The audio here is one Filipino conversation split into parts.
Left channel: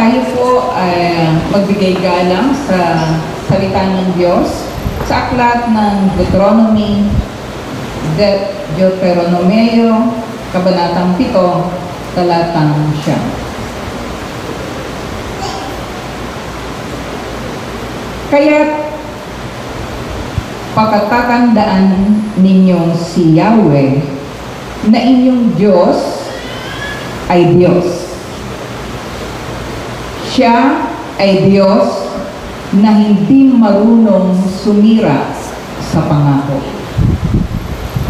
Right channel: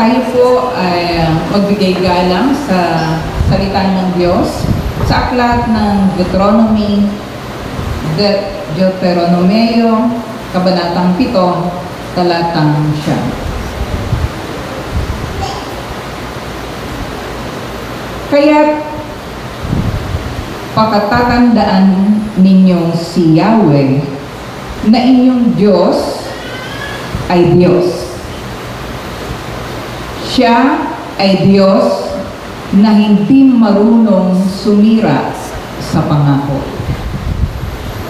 tayo po ay magbigay galang sa salita ng Diyos sa aklat ng Deuteronomeo, Kabanatang 7, Talatang 9. Kaya't papatatandaan ninyong si Yahweh na inyong Diyos ay Diyos. Siya ay Diyos na hindi marunong sumira sa pangako.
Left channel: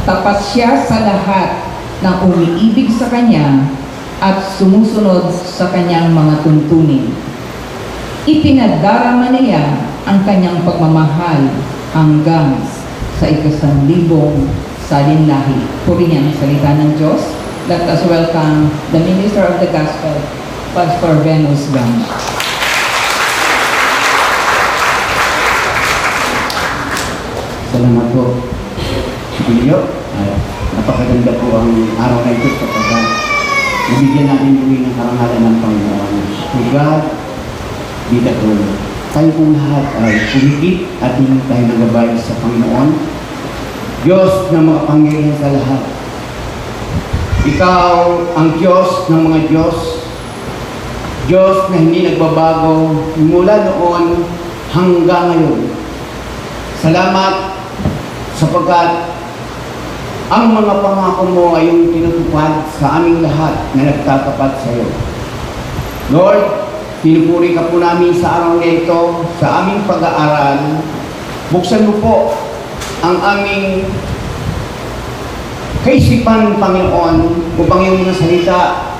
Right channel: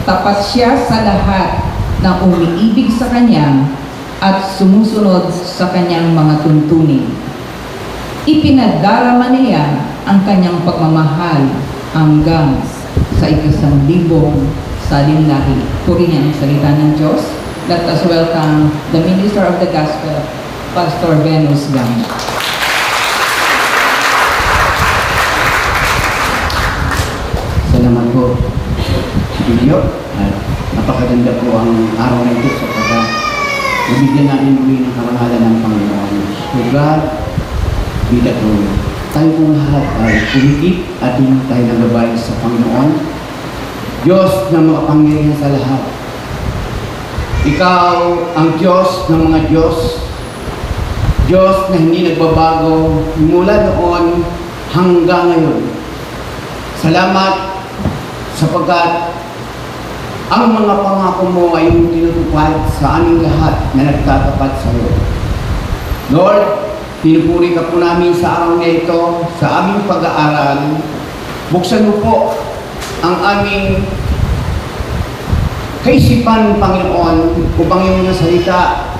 Tapat siya sa lahat ng umiibig sa Kanya at sumusunod sa Kanyang mga tuntunin. Ipinadarama niya ang Kanyang pagmamahal hanggang sa 1,000 salinlahi. Purihin ang salita ng Diyos. Let us welcome the Minister of the Gospel, Pastor Venus Gang. Salamat po, Pilyo. Napakaganda po ang araw na ito sapagkat nabigyan natin muli ng karangalan ng Panginoon. To God be the glory. Tayo pong lahat ay pumikit at hindi tayo nagabay sa Panginoon. Diyos na makapangyarihan sa lahat. Ikaw ang Diyos ng mga Diyos. Diyos na hindi nagbabago mula noon hanggang ngayon. Salamat sapagkat ang mga pangako mo ay tinutupad sa aming lahat na nagtatapat sa iyo. Lord, pinupuri ka po namin sa araw na ito, sa aming pag-aaral. Buksan mo po ang aming kaisipan, Panginoon, upang iyong mga salita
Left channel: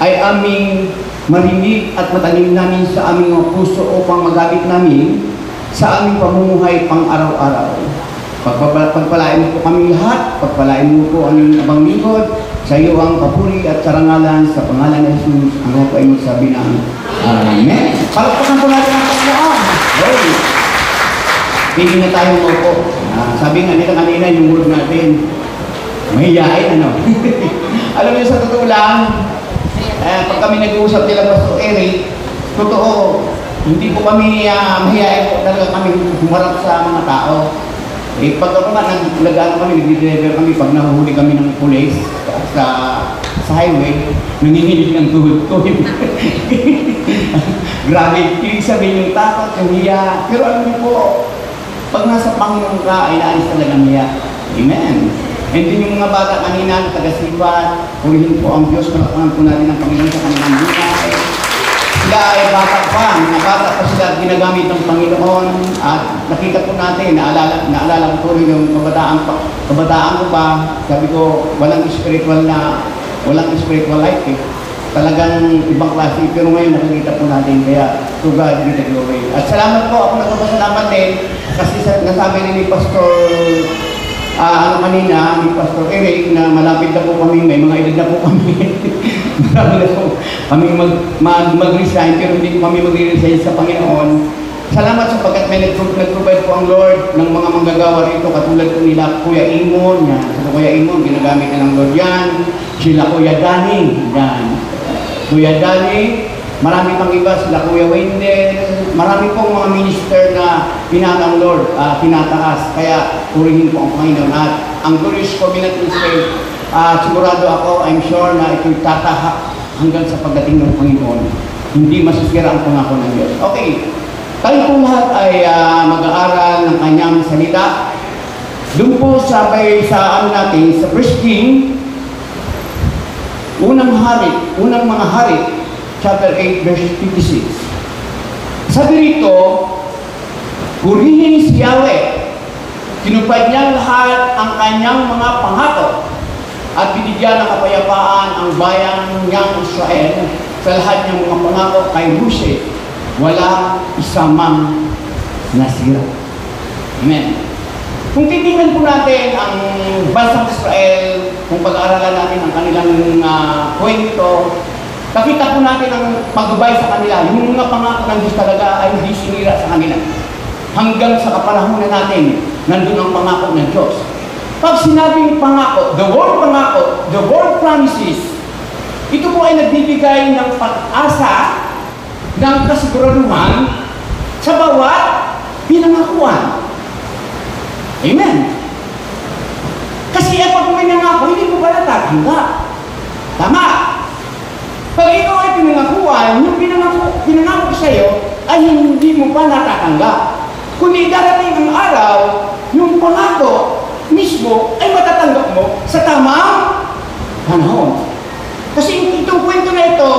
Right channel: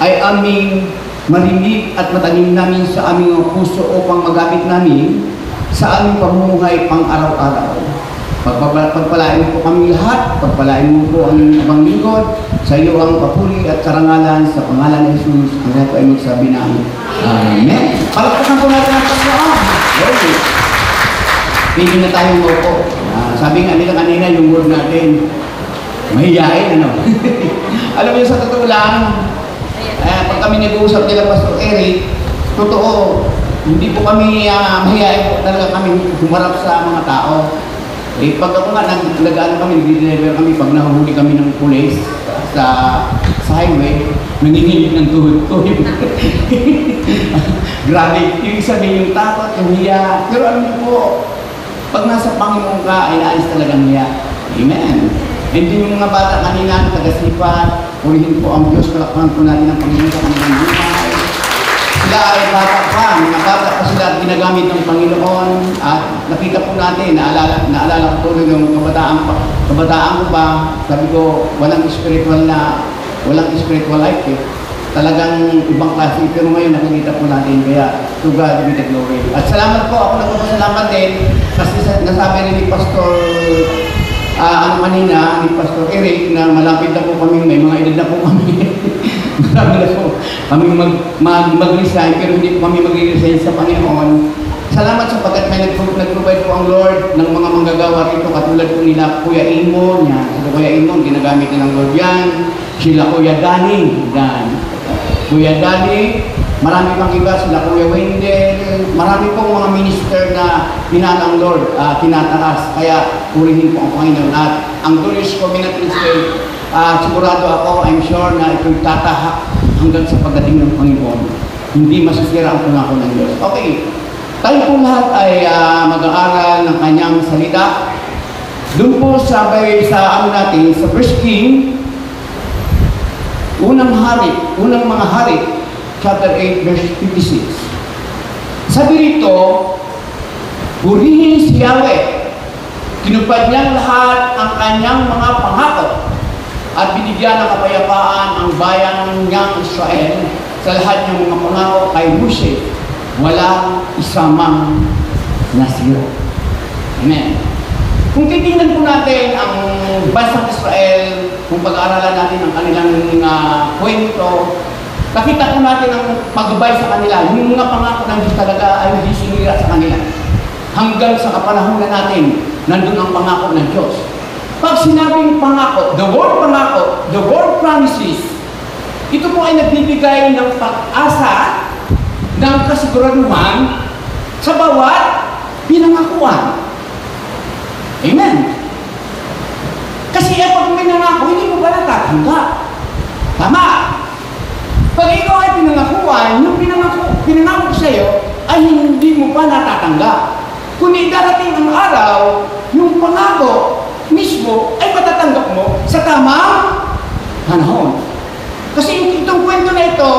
ay aming marinig at matanim namin sa aming mga puso upang magamit namin sa aming pamumuhay pang-araw-araw. Pagpalain mo po kami lahat, pagpalain mo po ang iyong abang lingkod, sa iyo ang papuri at karangalan sa pangalan ng Jesus, ang nato ay magsabi na Amen. Palakpakan po natin ang Panginoon. Pili na tayo mo po. Sabi nga nila kanina yung word natin, mahiyain, ano? Alam niyo, sa totoo lang, pag kami nag-uusap nila Pastor Eric, totoo, hindi po kami mahiyain po talaga kami humarap sa mga tao. Pag ako nga, nag-ano kami, nag-deliver kami, pag nahuhuli kami ng pulis sa highway, nanginginig ng tuhod-tuhod. Grabe, ibig sabihin yung takot, yung hiya. Pero alam niyo po, pag nasa Panginoon ka, ay naalis talagang hiya. Amen. Hindi yung mga bata kanina, taga-sipat, purihin po ang Diyos, palakpakan po natin ang Panginoon sa kanilang buhay. Sila ay bata pa, mga bata pa sila at ginagamit ng Panginoon at nakita po natin, naalala ko po rin yung kabataan ko pa, sabi ko, walang spiritual life eh. Talagang ibang klase, pero ngayon nakikita po natin, kaya to God be the glory. At salamat po, ako nagpapasalamat din, kasi nasabi rin ni Pastor kanina, ni Pastor Eric, na malapit na po kami, may mga edad na po kami. Marami na po kami mag-resign, pero hindi po kami mag-resign sa Panginoon. Salamat sapagkat may nag-provide po ang Lord ng mga manggagawa rito, katulad po nila Kuya Imo, Kuya Imo, ginagamit nilang Lord yan, sila Kuya Danny, Kuya Danny, marami pang iba, sila Kuya Wendell, marami pong mga minister na pinatang Lord, tinataas, kaya purihin po ang Panginoon. At ang Glorious Covenant Crusade, sigurado ako, I'm sure na ito'y tatahak hanggang sa pagdating ng Panginoon. Hindi masasira ang pangako ng Diyos. Okay, tayo po lahat ay mag-aaral ng kanyang salita. Doon po sa natin, sa verse 10, unang mga hari, chapter 8, verse 56. Sabi rito, purihin si Yahweh, tinupad niya lahat ang kanyang mga pangako at binigyan ng kapayapaan ang bayan niyang Israel sa lahat ng mga pangako kay Mose, walang isamang nasira. Amen. Kung titingnan po natin ang bansang Israel, kung pag-aaralan natin ang kanilang kwento, nakita po natin ang pagbabay sa kanila. Yung mga pangako ng Diyos talaga ay hindi sinira sa kanila. Hanggang sa kapanahunan natin, nandun ang pangako ng Diyos. Pag sinabing pangako, the word promises, Ito po ay nagbibigay ng pag-asa, ng kasiguraduhan sa bawat pinangakuan. Amen. Kasi ito kung pinangako, hindi mo ba natatanggap? Tama. Pag ikaw ay pinangakuan, yung pinangako sa iyo ay hindi mo pa natatanggap. Kundi darating ang araw, yung pangako mismo ay matatanggap mo sa tamang panahon. Kasi itong kwento na ito,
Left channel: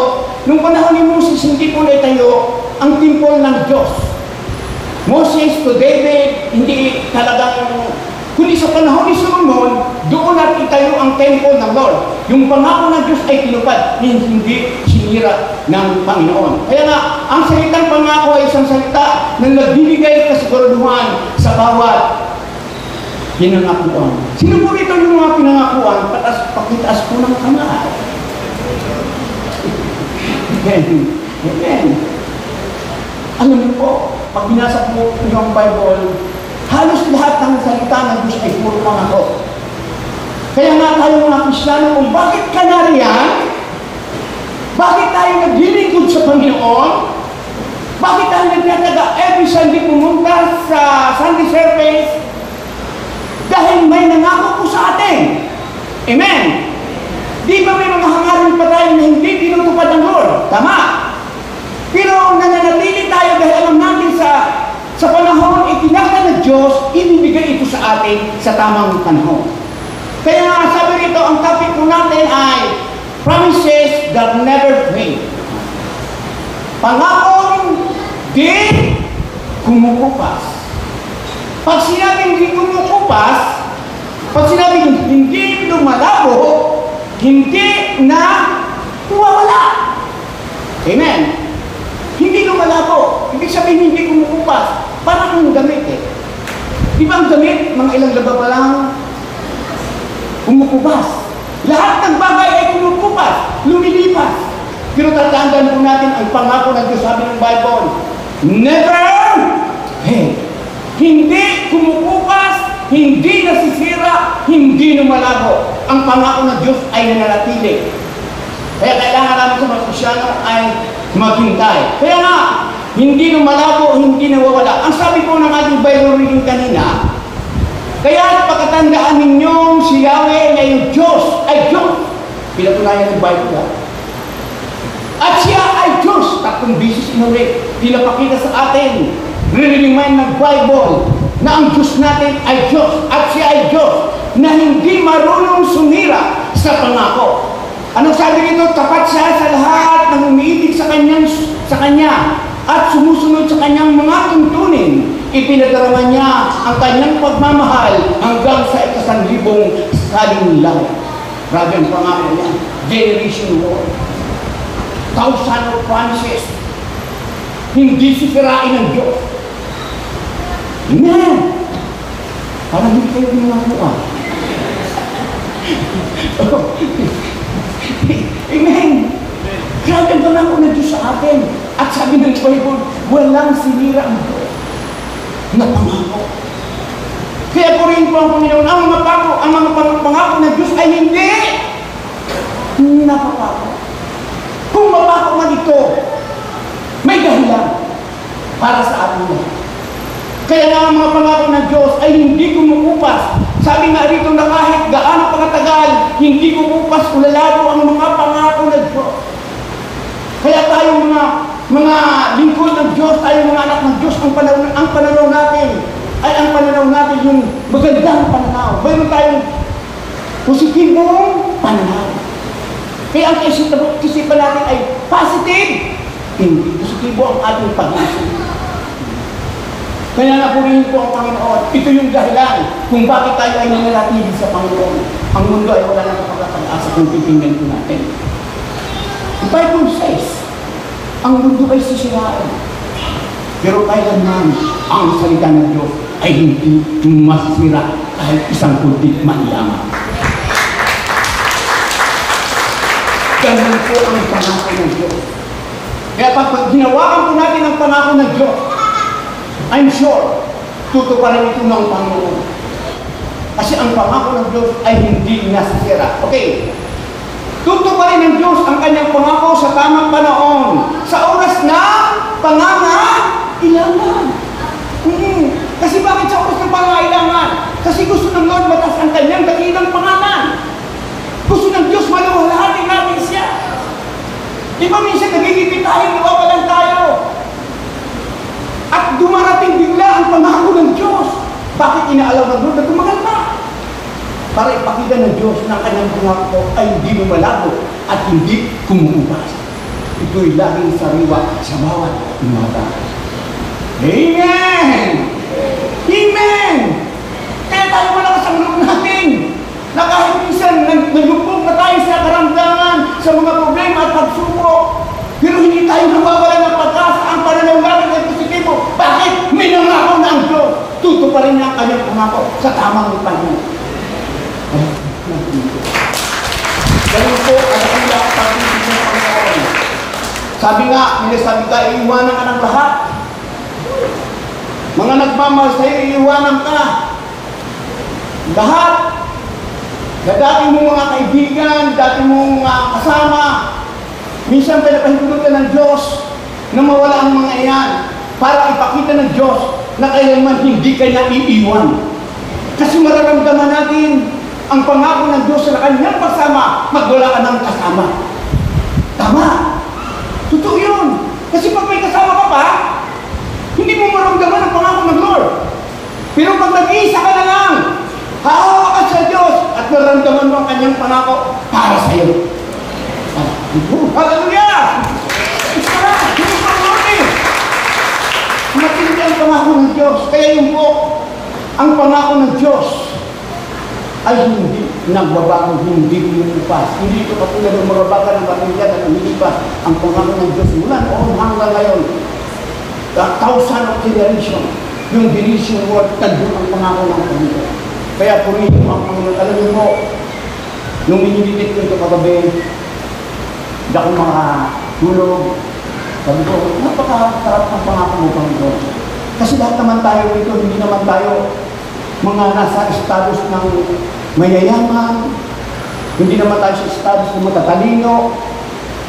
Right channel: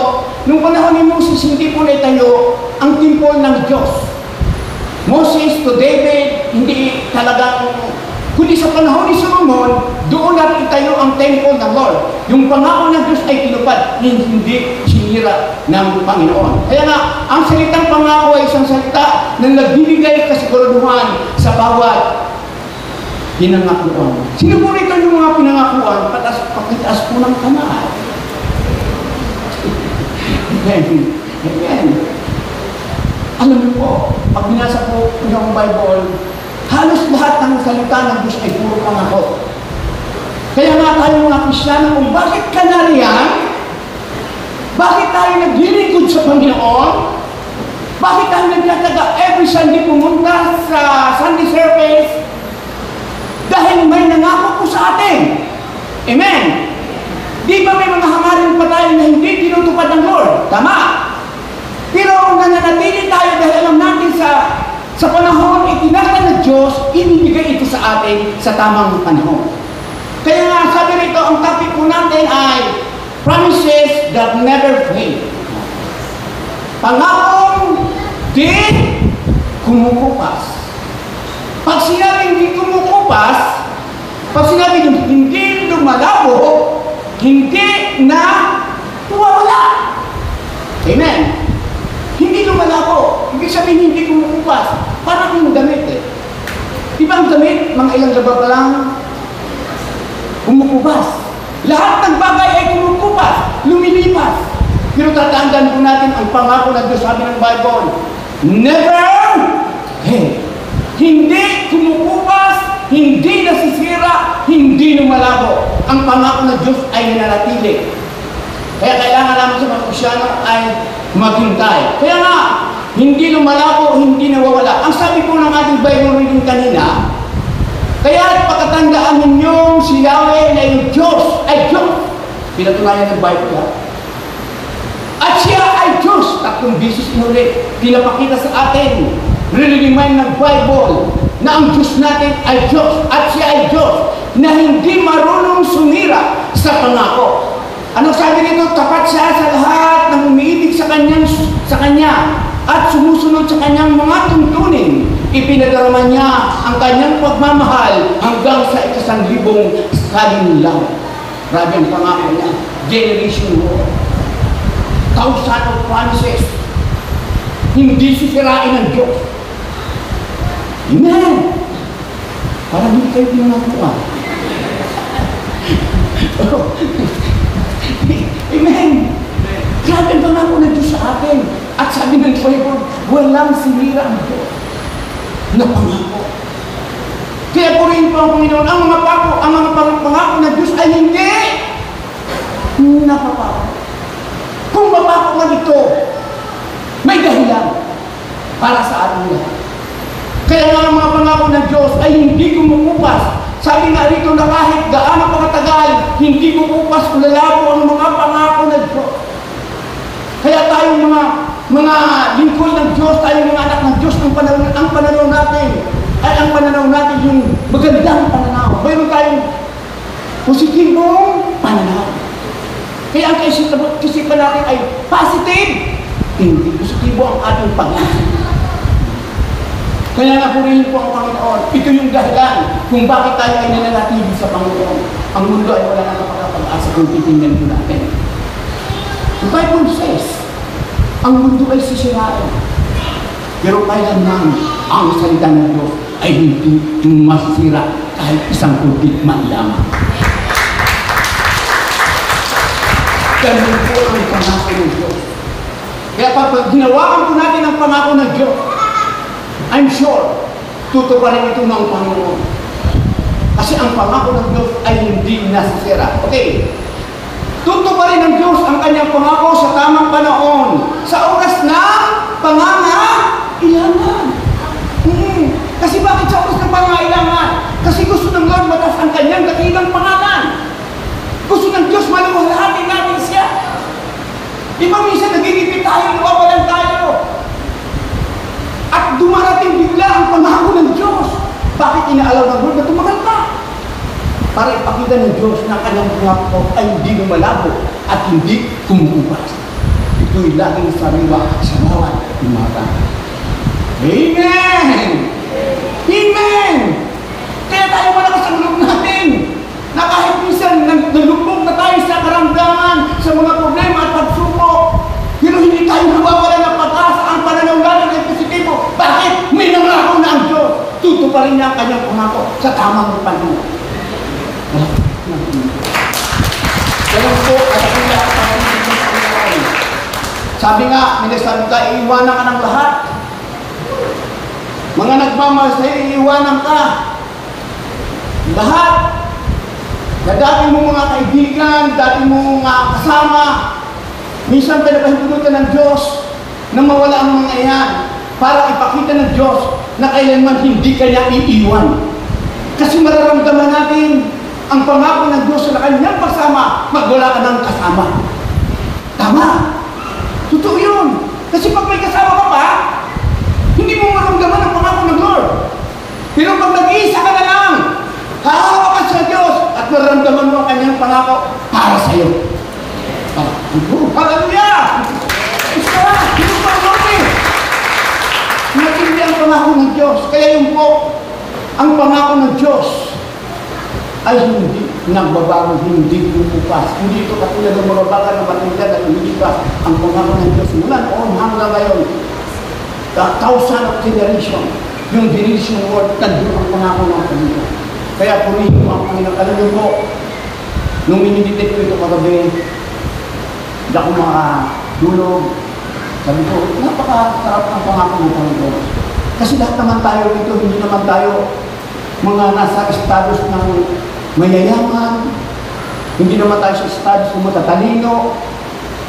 nung panahon ni Moses, hindi po naitayo ang temple ng Diyos. Moses to David, hindi talagang, kundi sa panahon ni Solomon, doon natin itayo ang temple ng Lord. Yung pangako ng Diyos ay tinupad, hindi sinira ng Panginoon. Kaya nga, ang salitang pangako ay isang salita na nagbibigay kasiguraduhan sa bawat pinangakuan. Sino po rito yung mga pinangakuan? Pakitaas po ng kamay. Amen. Amen. Alam niyo po, pag binasa po yung Bible, halos lahat ng salita ng Diyos ay puro pangako. Kaya nga tayo mga Kristiyano, kung bakit ka nariyan? Bakit tayo naglilingkod sa Panginoon? Bakit tayo nagtataga every Sunday pumunta sa Sunday service? Dahil may nangako po sa atin. Amen. Di ba may mga hangarin pa tayo na hindi tinutupad ng Lord? Tama. Pero nananatili tayo dahil alam natin sa panahon itinakda ng Diyos, ibibigay ito sa atin sa tamang panahon. Kaya nga sabi rito, ang topic po natin ay promises that never fail. Pangakong di kumukupas. Pag sinabing di kumukupas, pag sinabing hindi lumalabo, hindi na wala. Amen. Hindi lumalabo. Ibig sabihin hindi kumukupas. Parang yung damit eh. Ibang damit, mga ilang laba pa lang, kumukupas. Lahat ng bagay ay kumukupas, lumilipas. Pero tatandaan po natin ang pangako ng Diyos, sabi ng Bible, never fail. Hindi kumukupas, hindi nasisira, hindi lumalabo. Ang pangako ng Diyos ay nananatili. Kaya kailangan namin sa mga Kristyano ay maghintay. Kaya nga, hindi lumalabo, hindi nawawala. Ang sabi po ng ating Bible reading kanina, kaya pagkatandaan ninyong si Yahweh na yung Diyos ay Diyos. Pinatunayan ng Bible ha? At siya ay Diyos. Tatlong bisis muli, pinapakita sa atin, nire-remind ng Bible na ang Diyos natin ay Diyos. At siya ay Diyos na hindi marunong sumira sa pangako. Ano sabi nito? Tapat siya sa lahat ng umiibig sa Kanya at sumusunod sa Kanyang mga tuntunin. Ipinadarama niya ang Kanyang pagmamahal hanggang sa 1,000 kalinglang. Grabe ang pangako niya. Generation war. Thousand of promises. Hindi sisirain ng Diyos. Amen. Parang hindi kayo ginagawa. Amen. Grabe ang pangako ng Diyos sa atin. At sabi ng Bible, walang sinira ang Diyos na pangako. Kaya po rin po ang Panginoon, ang mga pangako ng Diyos ay hindi napapako. Kung mapako man ito, may dahilan para sa atin yan. Kaya nga ang mga pangako ng Diyos ay hindi kumukupas. Sabi nga rito na kahit gaano pagkatagal, hindi kumukupas kung lalabo ang mga pangako ng Diyos. Kaya tayo mga lingkod ng Diyos, tayo mga anak ng Diyos, ang pananaw natin ay ang pananaw natin yung magandang pananaw. Mayroon tayong positibong pananaw. Kaya ang kaisipan natin ay positive, hindi positibo ang ating pag-isip. Kaya na po rin po ang Panginoon. Ito yung dahilan kung bakit tayo ay nananatili sa Panginoon. Ang mundo ay wala na makakapag-asa kung titingnan po natin. The Bible says, ang mundo ay sisirain. Pero kailanman ang salita ng Diyos ay hindi masira kahit isang tubig maiyaman. Ganun po ang pangako ng Diyos. Kaya pag ginawakan po natin ang pangako ng Diyos, I'm sure, tutuparan ito ng Panginoon. Kasi ang pangako ng Diyos ay hindi nasisira. Okay. Tutuparin ng Diyos ang kanyang pangako sa tamang panahon, sa oras ng pangangailangan. Kasi bakit sa oras ng pangangailangan? Kasi gusto ng Lord matas ang kanyang dakilang pangalan. Gusto ng Diyos maluwalhati natin siya. Di ba minsan nagigipit tayo, nawawalan tayo? At dumarating bigla ang pangako ng Diyos. Bakit inaalaw ng Lord na tumaganda? Para ipakita ng Diyos na kanyang pangako ay hindi lumalabo at hindi kumukupas. Ito'y laging sariwa sa bawat umaga. Amen! Amen! Kaya tayo malakas ang loob natin na kahit minsan nalubog na tayo sa karamdaman, sa mga problema at pagsubok, pero hindi tayo nawawala ng pag-asa. Ang pananawagan ay positibo. Bakit? May nangako na ang Diyos. Tutuparin niya ang kanyang pangako sa tamang panahon. Ganun po, sabi nga, minasabi ka, iiwanan ka ng lahat. Mga nagmamahal sa'yo, iiwanan ka. Lahat. Na dati mong mga kaibigan, dati mong mga kasama, minsan pinapahintulutan ng Diyos na mawala ang mga iyan para ipakita ng Diyos na kailanman hindi kanya iiwan. Kasi mararamdaman natin ang pangako ng Diyos sa kanyang kasama, magwala ka ng kasama. Tama. Totoo yun. Kasi pag may kasama ka pa, hindi mo maramdaman ang pangako ng Lord. Pero pag nag-iisa ka na lang, hahawak ka sa Diyos at maramdaman mo ang kanyang pangako para sa iyo. Hallelujah! Matindi ang pangako ng Diyos. Kaya yung po, ang pangako ng Diyos ay hindi nagbabago, hindi lumipas. Hindi ito katulad ng mga bata ng matinda na lumipas. Ang pangako ng Diyos mula noon hanggang ngayon, the thousand of generation, yung generation word, nandun ang pangako ng Panginoon. Kaya purihin mo ang Panginoon. Alam mo po, nung minididit ko ito kagabi, hindi ako makatulog. Sabi ko, napakakarap ng pangako ng Panginoon. Kasi lahat naman tayo dito, hindi naman tayo mga nasa estados ng mayayaman, hindi naman tayo sa estados ng matatalino.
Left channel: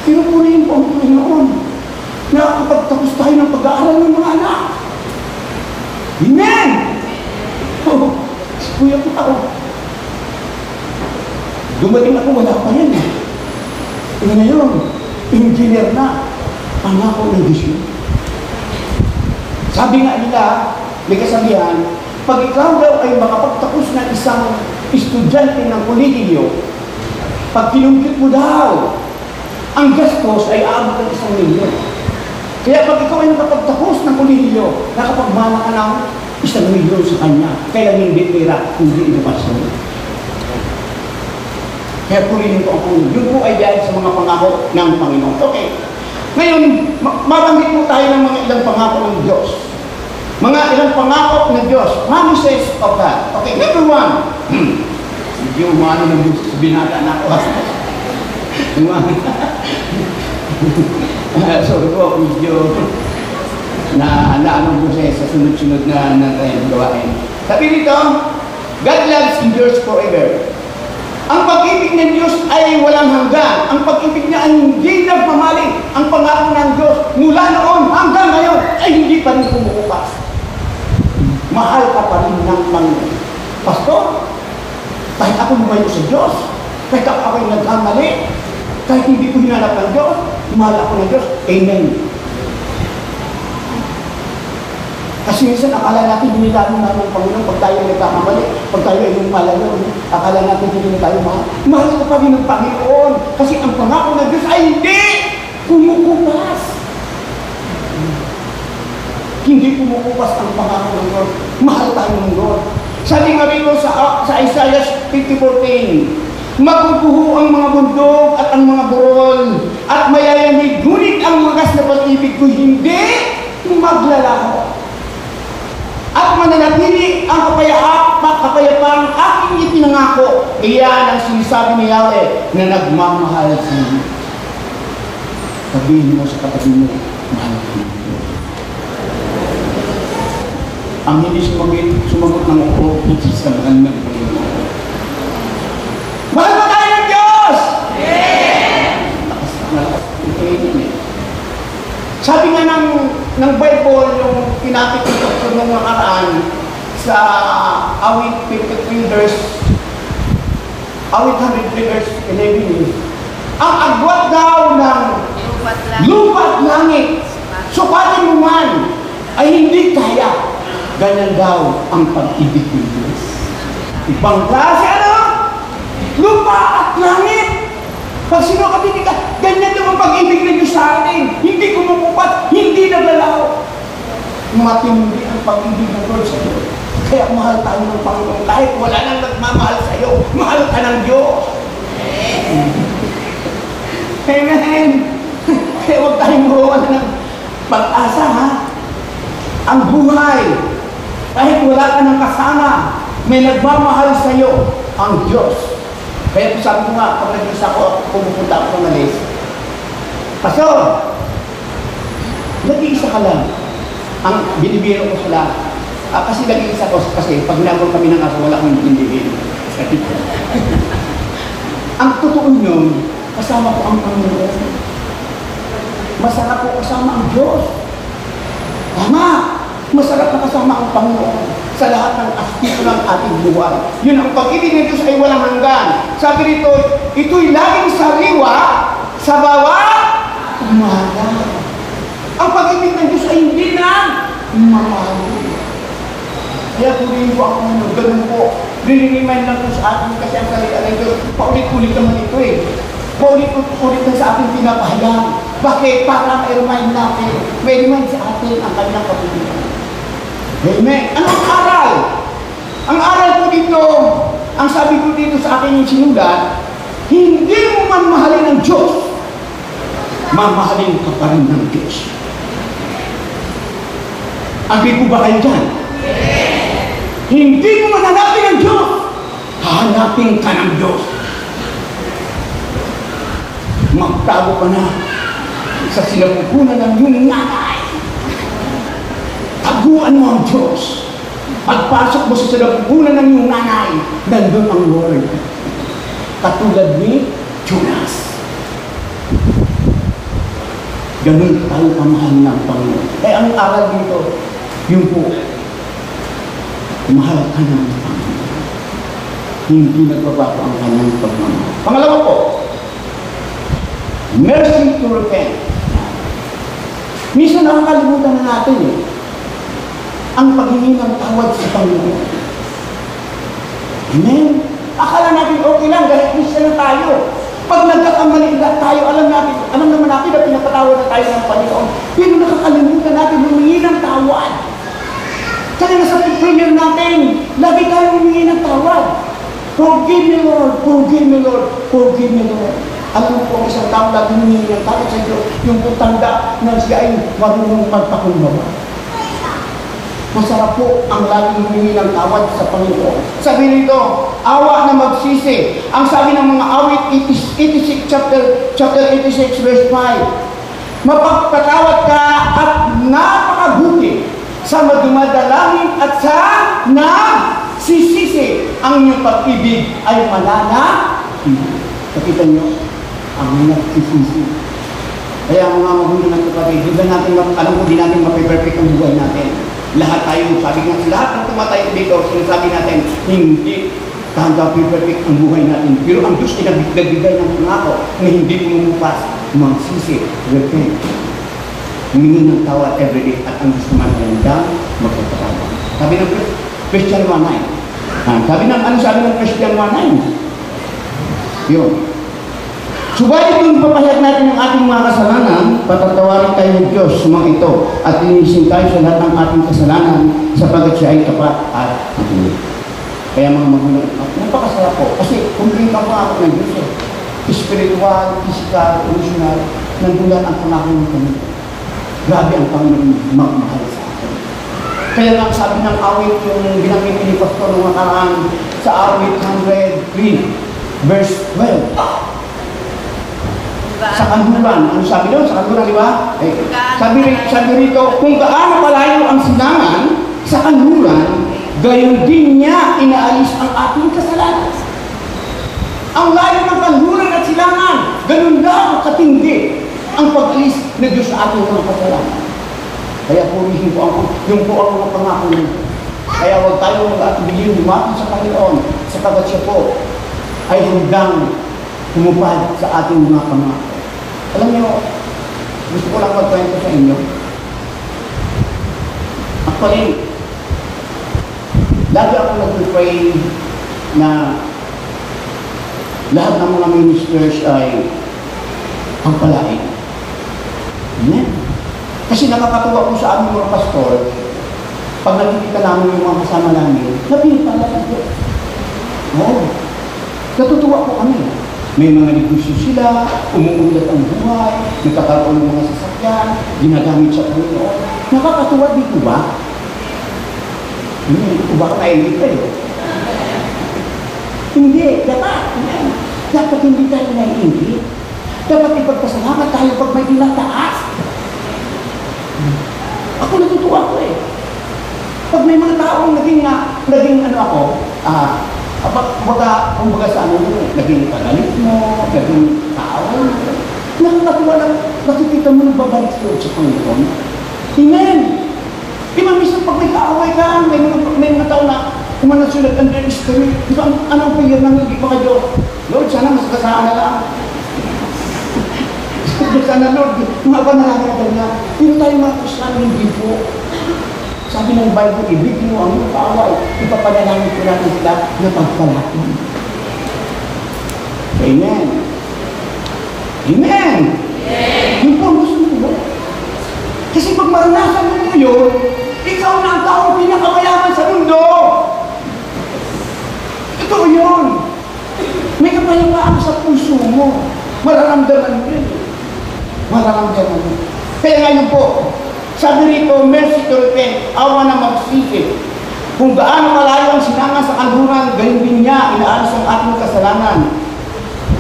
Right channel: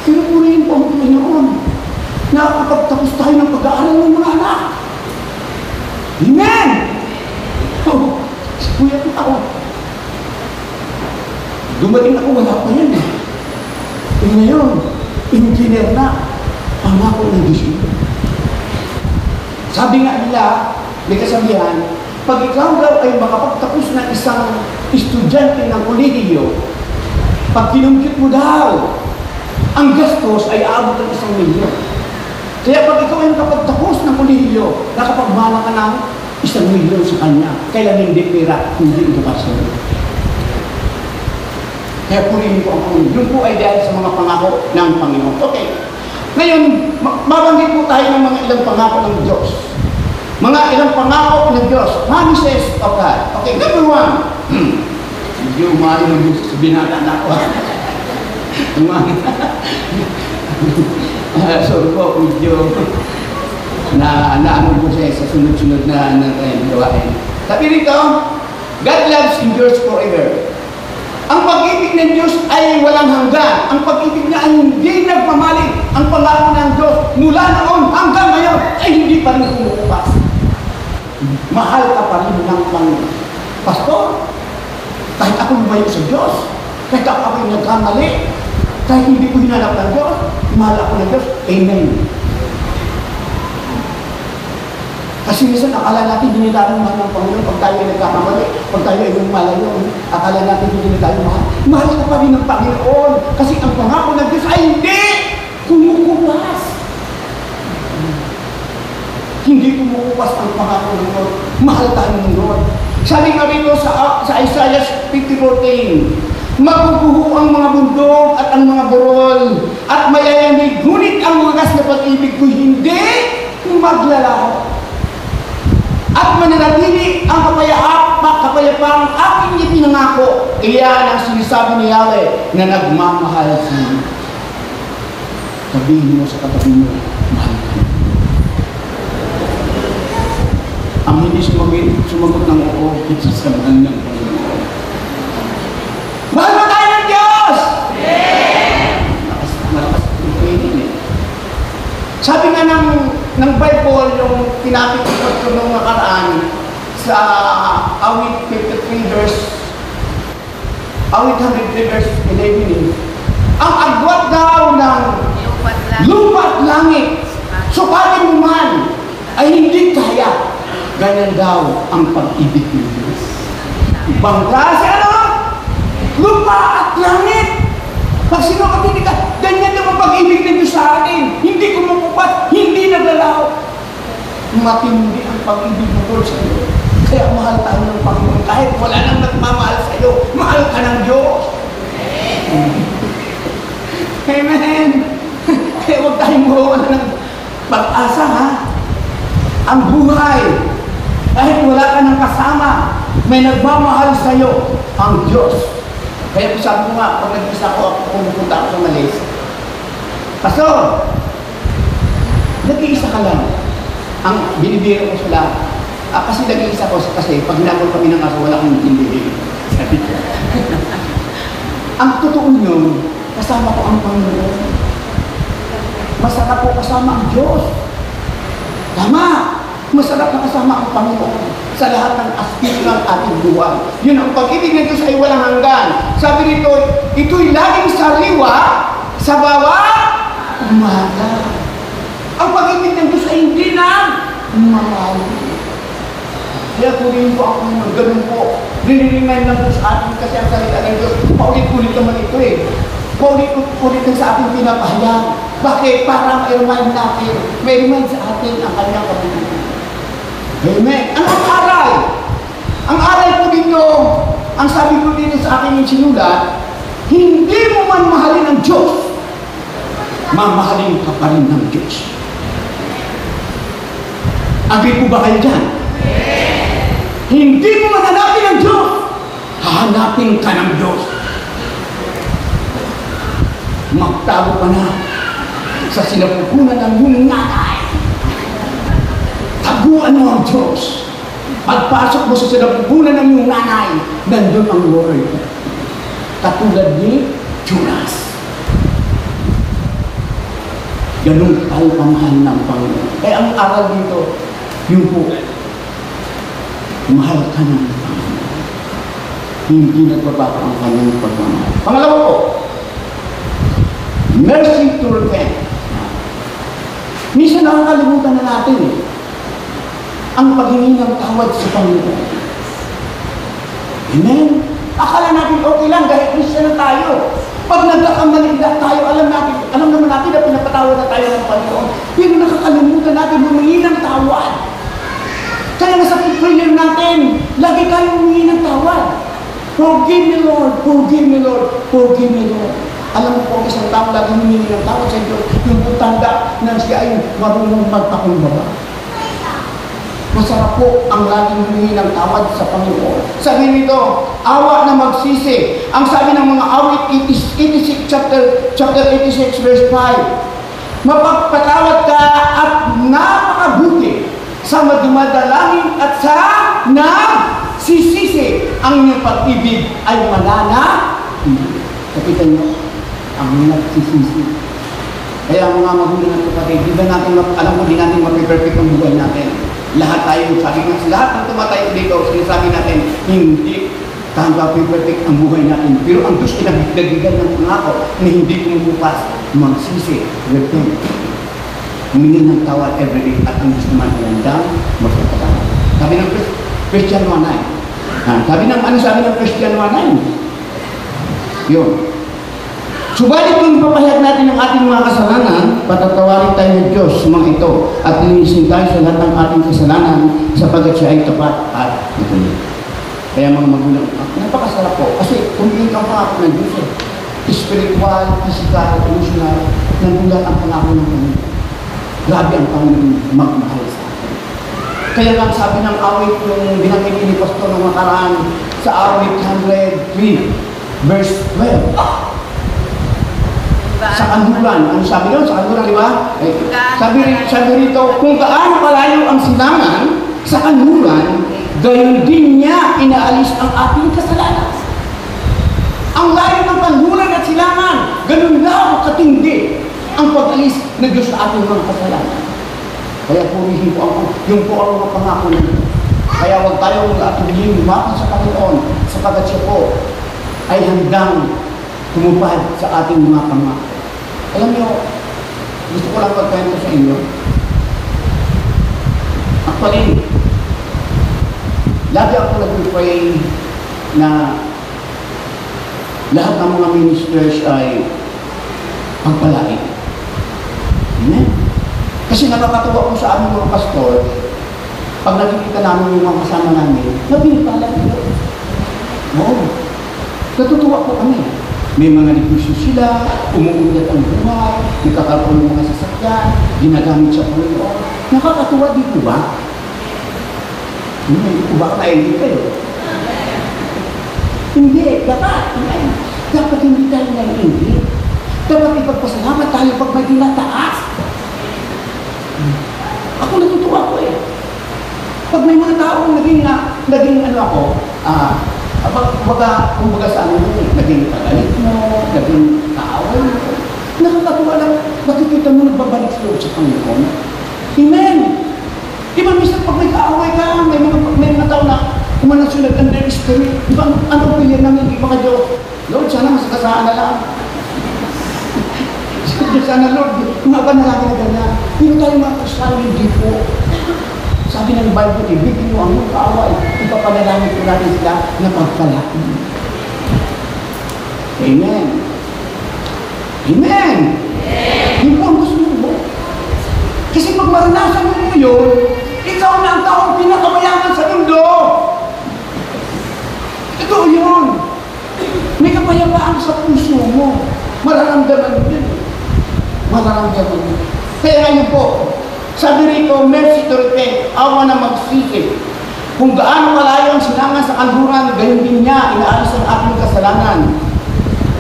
Pero purihin po ang Panginoon. Nakakapagtapos tayo ng pag-aaral ng mga anak. Amen! Oh, kuya ko ako. Dumating ako, wala pa yan eh. Ngayon, engineer na. Pangako ng Diyos yun. Sabi nga nila, may kasabihan, pag ikaw daw ay makapagtapos ng isang estudyante ng kolehiyo, pag kinumpit mo daw, ang gastos ay aabot ng 1,000,000. Kaya pag ikaw ay nakapagtapos ng kolehiyo, nakapagmana ka ng 1,000,000 sa kanya, kaya hindi pera, hindi edukasyon. Kaya purihin ko ang Panginoon. Yun po ay dahil sa mga pangako ng Panginoon. Okay. Ngayon, mabanggit po tayo ng mga ilang pangako ng Diyos. Mga ilang pangako ng Diyos. Promises of God. Okay, number 1. Yung mga ng Diyos sa binata na ako. Sorry po, medyo naano po siya sa sunod-sunod na gawain. Sabi dito, God loves endures forever. Ang pag-ibig ng Diyos ay walang hanggan. Ang pag-ibig niya ay hindi nagmamaling. Ang pangako ng Diyos mula noon hanggang ngayon ay hindi pa rin kumukupas. Mahal ka pa rin ng Panginoon. Pastor, kahit ako lumayo sa Diyos, kahit ako ay nagkamali, kahit hindi ko hinanap ng Diyos, mahal ako ng Diyos. Amen. Kasi minsan akala natin hindi tayo mahal ng Panginoon pag tayo ay nagkakamali, pag tayo ay lumalayo, akala natin hindi tayo mahal. Mahal ka pa rin ng Panginoon kasi ang pangako ng Diyos ay hindi kumukupas. Hindi kumukupas ang pangako ng Lord. Mahal tayo ng Lord. Sabi nga rito sa Isaiah 50:14, maguguho ang mga bundok at ang mga burol at mayayanig, ngunit ang wagas na pag-ibig ko hindi maglalaho. At mananatili ang kapayapang aking ipinangako. Iyan ang sinasabi ni Yahweh na nagmamahal sa iyo. Sabihin mo sa kapatid mo, mahal ka. Ang hindi sumagot ng ako, ito sa mahal ng Panginoon. Mahal mo tayo ng Diyos! Yeah! Sabi nga ng Bible, yung pinakikita ko nung nakaraan sa awit 53 verse, awit 103 verse 11, ang agwat daw ng lupa at langit, sukatin mo man, ay hindi kaya. Ganyan daw ang pag-ibig ng Diyos. Ibang klase, ano? Lupa at langit. Pag sinukapin ka, ganyan naman pag-ibig ng Diyos sa atin. Hindi kumukupat, hindi naglalaw. Matindi ang pag-ibig ng Diyos sa iyo. Kaya mahal tayo ng Panginoon. Kahit wala nang nagmamahal sa iyo, mahal ka ng Diyos. Amen. Kaya huwag tayong buwan ng pag-asa, ha? Ang buhay, kahit wala ka ng kasama, may nagmamahal sa iyo, ang Diyos. Kaya sabi ko nga, pag nag-isa ko, pumupunta ako sa Malaysia. Kaso, nag-iisa ka lang. Ang binibiro ko sa lahat. Kasi nag-iisa ko, kasi pag ginagawa kami ng aso, wala akong binibiro. Ang totoo yun, kasama ko ang Panginoon. Masarap po kasama ang Diyos. Tama! Masarap na kasama ang Panginoon sa lahat ng aspect ng ating buhay. Yun ang pag-ibig ng Diyos ay walang hanggan. Sabi rito, ito'y laging sariwa sa bawat umaga. Ang pag-ibig ng Diyos ay hindi na marami. Kaya tuloy po ako ng ganun po. Riniriman lang po sa atin kasi ang salita ng Diyos. Paulit-ulit naman ito eh. Paulit-ulit na sa ating pinapahayag. Bakit? Para ma-remind natin. May remind sa atin ang kanyang pag-ibig. Amen. Ano ang aral? Ang aral po dito, ang sabi po dito sa akin yung sinulat, hindi mo man mahalin ng Diyos, mamahalin ka pa rin ng Diyos. Agree po ba kayo dyan? Hindi mo man hanapin ng Diyos, hahanapin ka ng Diyos. Magtago ka na sa sinapupunan ng iyong nanay. Taguan mo ang Diyos. Pagpasok mo sa sinapupunan ng iyong nanay, nandun ang Lord. Katulad ni Jonas. Ganun tayo kamahal ng Panginoon. Eh, ang aral dito, yung po, mahal ka ng Panginoon. Hindi nagbabago ang kanyang pagmamahal. Pangalawa po, mercy to repent. Minsan nakakalimutan na natin eh, ang paghingi ng tawad sa Panginoon. Amen? Akala natin okay lang dahil Christian na tayo. Pag nagkakamali na tayo, alam naman natin na pinapatawad na tayo ng Panginoon. Pero nakakalimutan natin humingi ng tawad. Kaya nga sa prayer natin, lagi tayong humingi ng tawad. Forgive me, Lord. Forgive me, Lord. Forgive me, Lord. Alam mo po, isang tao lagi humingi ng tawad sa Diyos, yung tanda na siya ay marunong magpakumbaba. Masarap po ang laging humingi ng tawad sa Panginoon. Sabi nito, awa na magsisi. Ang sabi ng mga awit, 86, chapter 86, verse 5. Mapagpatawad ka at napakabuti sa magdumadalangin at sa nagsisisi. Ang iyong pag-ibig ay wala na. Kapita niyo, ang nagsisisi. Kaya mga magulang ng kapatid, di ba natin, alam mo, di natin mapiperfect ang buhay natin. Lahat tayo, sabi nga, lahat ng tumatay dito, sinasabi natin, hindi tanda perfect ang buhay natin. Pero ang Diyos kinabigay ng pangako na hindi kumubukas, magsisi, repent. Humingi ng tawad every day at ang gusto man ng magpapatawad. Sabi ng Christian 1:9. Sabi ng Christian 1:9? Yun. Subalit kung papahayag natin yung ating mga kasalanan, patatawarin tayo ng Diyos sa mga ito at linisin tayo sa lahat ng ating kasalanan sapagat siya ay tapat at matuloy. Kaya mga magulang, napakasarap po. Kasi kung hindi ka pa ng Diyos, spiritual, physical, emotional, nandulan ang pangako ng Panginoon. Grabe ang Panginoon magmahal sa atin. Kaya lang sabi ng awit yung ginamit ni Pastor ng nakaraan sa awit 103, verse 12. Sa kanluran. Ano sabi doon? Sa kanluran, di ba? Sabi rito, kung gaano kalayo ang silangan sa kanluran, gayon din niya inaalis ang ating kasalanan. Ang layo ng kanluran at silangan, ganun lang katindi ang pag-alis na Diyos sa ating mga kasalanan. Kaya purihin po yung po ang mga pangako nito. Kaya huwag tayong atubilin lumapit sa Panginoon sapagkat siya po ay handang tumupad sa ating mga pangako. Alam niyo, gusto ko lang pagkwento sa inyo. Actually, lagi ako nag-pray na lahat ng mga ministers ay pagpalain. Amen? Kasi nakakatawa ko sa aming mga pastor, pag nakikita namin yung mga kasama namin, napipalain ko. Oo. Natutuwa ko kami. May mga negosyo sila, umuulat ang buhay, nagkakaroon ng mga sasakyan, ginagamit sa Panginoon. Nakakatuwa dito ba? Hindi ko ba tayo dito eh? Hindi, dapat. Dapat hindi tayo nag-hindi. Dapat ipagpasalamat tayo pag may tinataas. Ako natutuwa ko eh. Pag may mga taong naging ano ako, kumbaga sa ano yun, naging pagalit mo, naging kaaway mo. Nakakatuwa lang, nakikita mo nagbabalik sa Panginoon. Amen! Di ba minsan pag may kaaway ka, may mga tao na kumana sila underestimate. Di ba ano po yan nang hindi pa kayo? Lord, sana mas kasama lang. Sana Lord, mga ka nalakad na. Pero tayo mga kasama hindi po. Sabi ng Bible, ibig mo ang mga kaaway. Ipapanalangin ko natin sila na pagpalain. Amen. Amen. Yung po ang gusto mo. Kasi pag maranasan mo yun, ikaw na ang taong pinakamayaman sa mundo. Totoo yun. May kapayapaan sa puso mo. Mararamdaman mo yun. Mararamdaman mo. Kaya ngayon po, sabi rito, mercy to repent, awa na magsisi. Kung gaano kalayo ang sinangan sa kanluran, gayon din niya, inaalis ang aking kasalanan.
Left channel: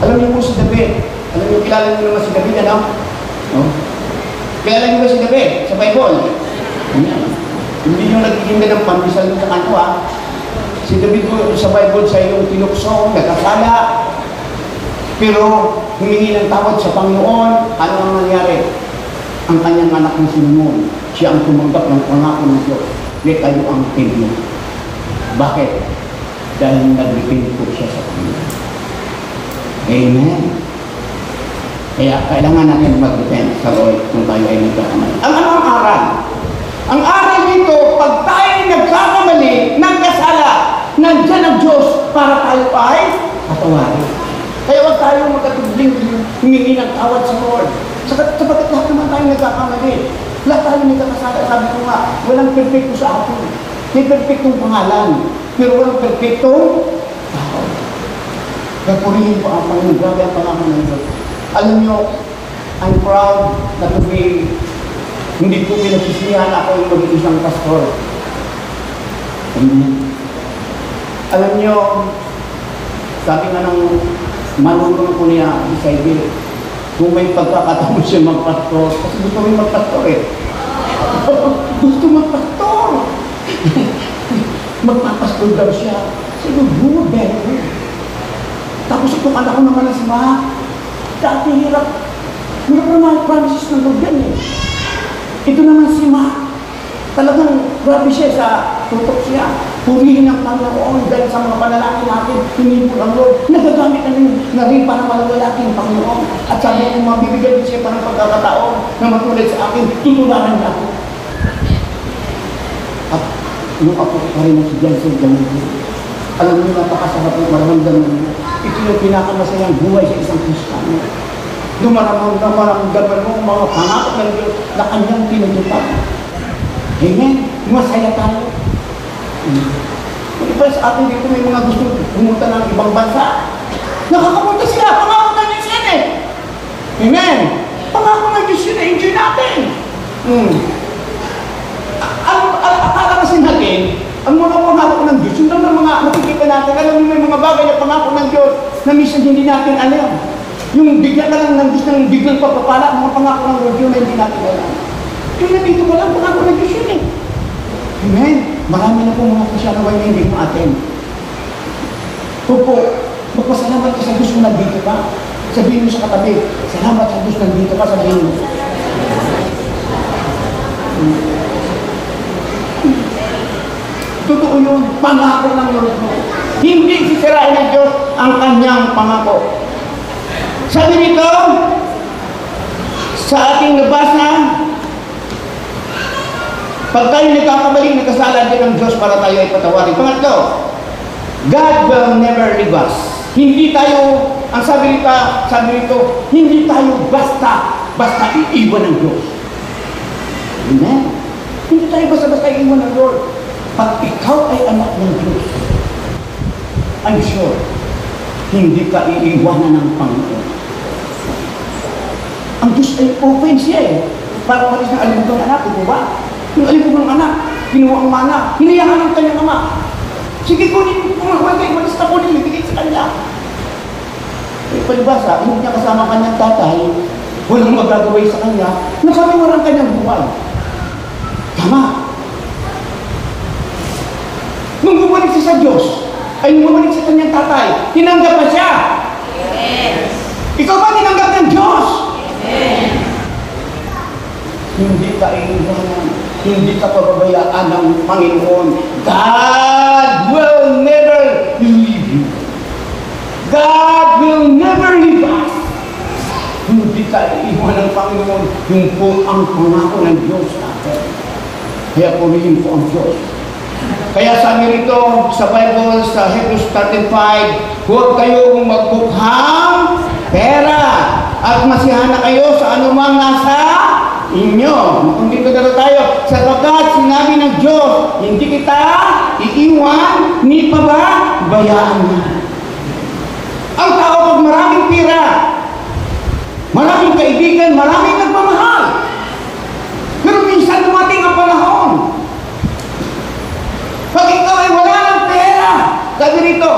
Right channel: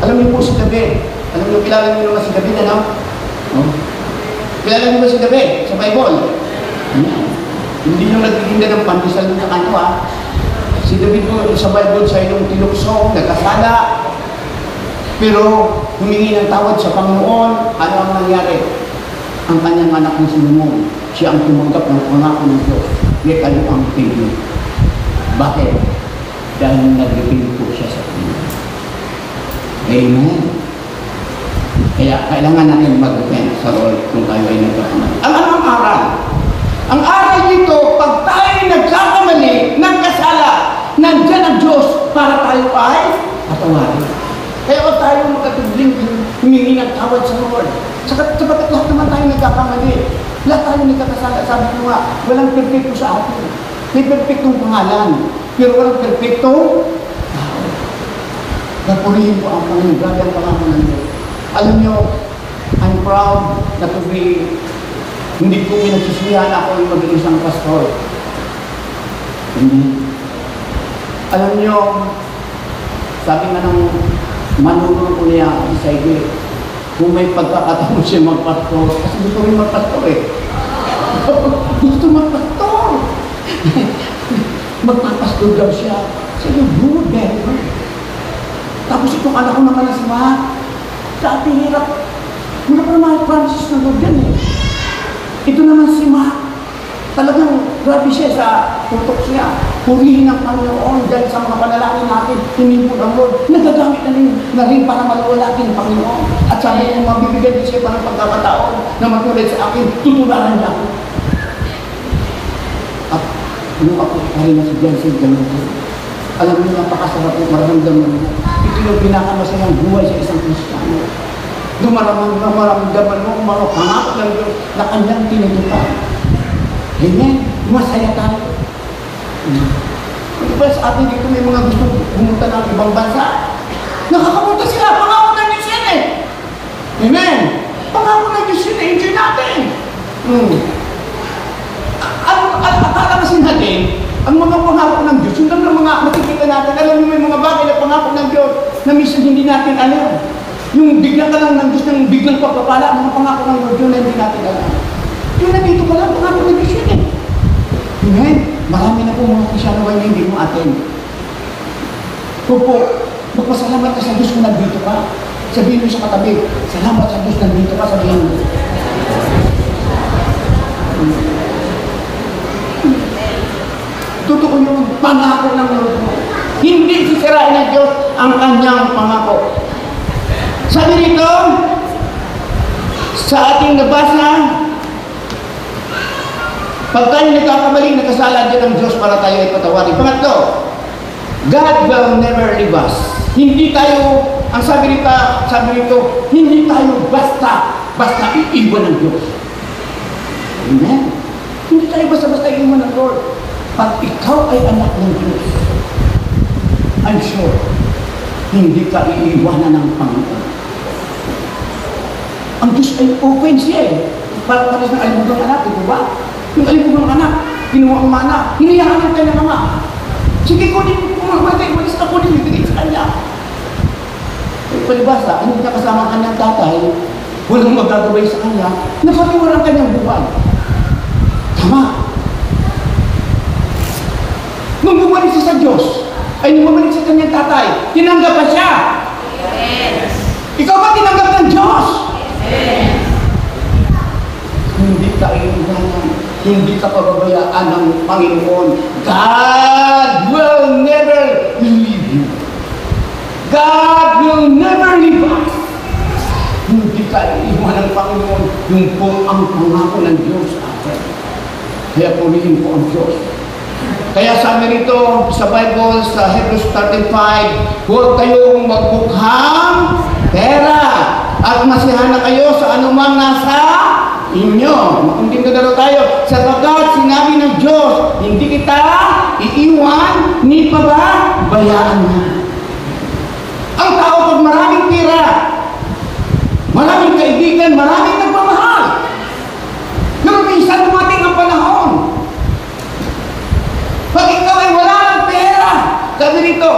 Alam niyo po si David. Alam niyo, kilala niyo naman si David, alam? Oh. Kilala niyo ba si David sa Bible? Hindi nyo nagtitinda ng pandesal sa kanto, ha? Si David po sa Bible, siya yung tinuksong, nagkasala, pero humingi ng tawad sa Panginoon. Ano ang nangyari? Ang kanyang anak ng Solomon, siya ang tumanggap ng pangako ng Diyos. May kayo ang pili. Bakit? Dahil nag-repent po siya sa Panginoon. Amen. Kaya kailangan natin mag-repent sa Lord kung tayo ay nagkakamali. Ang aral? Ang aral nito, pag tayo nagkakamali, nagkasala, nandiyan ang Diyos para tayo ay patawarin. Kaya huwag tayo magkatubling humingi ng tawad sa Lord. Sabagat lahat naman tayo nagkakamali. Lahat tayo nagkakasala. Sabi ko nga, walang perfecto sa atin. May perfectong pangalan. Pero walang perfectong tao. Napurihin ko ang Panginoon. Grabe ang pangalan ng Diyos. Alam nyo, I'm proud na to be, hindi ko pinagsisihan ako yung mag-isang pastor. Amen. Alam nyo, sabi nga ng manunong ko niya, Isaiah, kung may pagkakataon siya magpastor, kasi gusto rin magpastor eh. Gusto magpastor. Magpapastor daw siya. Sabi, good, very good. Tapos itong anak ko naman na sila, dati hirap. Hindi ko naman promises ng Lord yan eh. Ito naman si Ma. Talagang grabe siya sa tutok siya. Purihin ang Panginoon dahil sa mga panalangin natin, hindi mo ang Lord. Nagagamit na rin para malawalakin ang Panginoon. At sabi ko, mabibigyan din siya ng pagkakataon na matulad sa akin, tutulanan niya ako. At nung ako rin na si Jensen Ganun, alam mo, napakasarap ng maramdaman mo. Ito yung pinakamasayang buhay sa isang Kristiyano. Maramdaman mo mga pangako ng Diyos na kanyang tinutupad. Amen? Masaya tayo. Diba sa atin dito may mga gusto pumunta ng ibang bansa? Nakakapunta sila, pangako ng Diyos yan eh. Amen? Pangako ng Diyos yan eh, hindi natin. Akala kasi natin, ang mga pangako ng Diyos, yung lang mga makikita natin, alam mo may mga bagay na pangako ng Diyos na minsan hindi natin alam. Yung bigyan ka lang ng Diyos ng biglang pagpapala, mga pangako ng Diyos yun na hindi natin alam. Kaya nandito ka lang, pangako ng Diyos yun eh. Amen? Marami na po mga Krisyano na hindi mo atin. Kung po, magpasalamat ka sa Diyos kung nandito ka. Sabihin mo sa katabi, salamat sa Diyos nandito ka, sabihin mo. Totoo yun, pangako ng Lord mo. Hindi sisirain ng Diyos ang kanyang pangako. Sabi nito, sa ating nabasa, pag tayo nagkakamaling, nagkasala din ng Diyos para tayo ay patawarin. Pangatlo, God will never leave us. Hindi tayo, ang sabi nito, hindi tayo basta iiwan ng Diyos. Amen? Hindi tayo basta iiwan ng Lord. Pag ikaw ay anak ng Diyos, I'm sure, hindi ka iiwanan ng Panginoon. Ang Diyos ay open siya eh. Para pares ng alimugan ng anak, di ba? Yung alimugan ng anak, kinuha ang mana, hiniyakan ng kanyang ama. Sige, kunin mo kung magay, malis ka kunin, ibigay sa kanya. Eh, palibasa, hindi niya kasama kanyang tatay, walang magagawin sa kanya, nasamuha ang kanyang buwan. Tama. Nung bumalik siya sa Diyos, ay nung bumalik sa kanyang tatay, tinanggap pa siya. Yes. Ikaw ba tinanggap ng Diyos? Yes. Hindi ka iiwanan, hindi ka pababayaan ng Panginoon. God will never leave you. God will never leave us. Hindi ka iiwanan ng Panginoon. Yung po ang pangako ng Diyos sa atin. Kaya pumilin po ang Diyos. Kaya sabi rito sa Bible, sa Hebrews 13:5, huwag kayong magbukhang pera at masiyahan na kayo sa anumang nasa inyo. Makuntin ko na tayo. Sapagkat sinabi ng Diyos, hindi kita iiwan ni pababayaan niya. Ang tao pag maraming pera, maraming kaibigan, maraming nagmamahal. Pero minsan dumating ang panahon. Pag ikaw ay wala ng pera, sabi nito,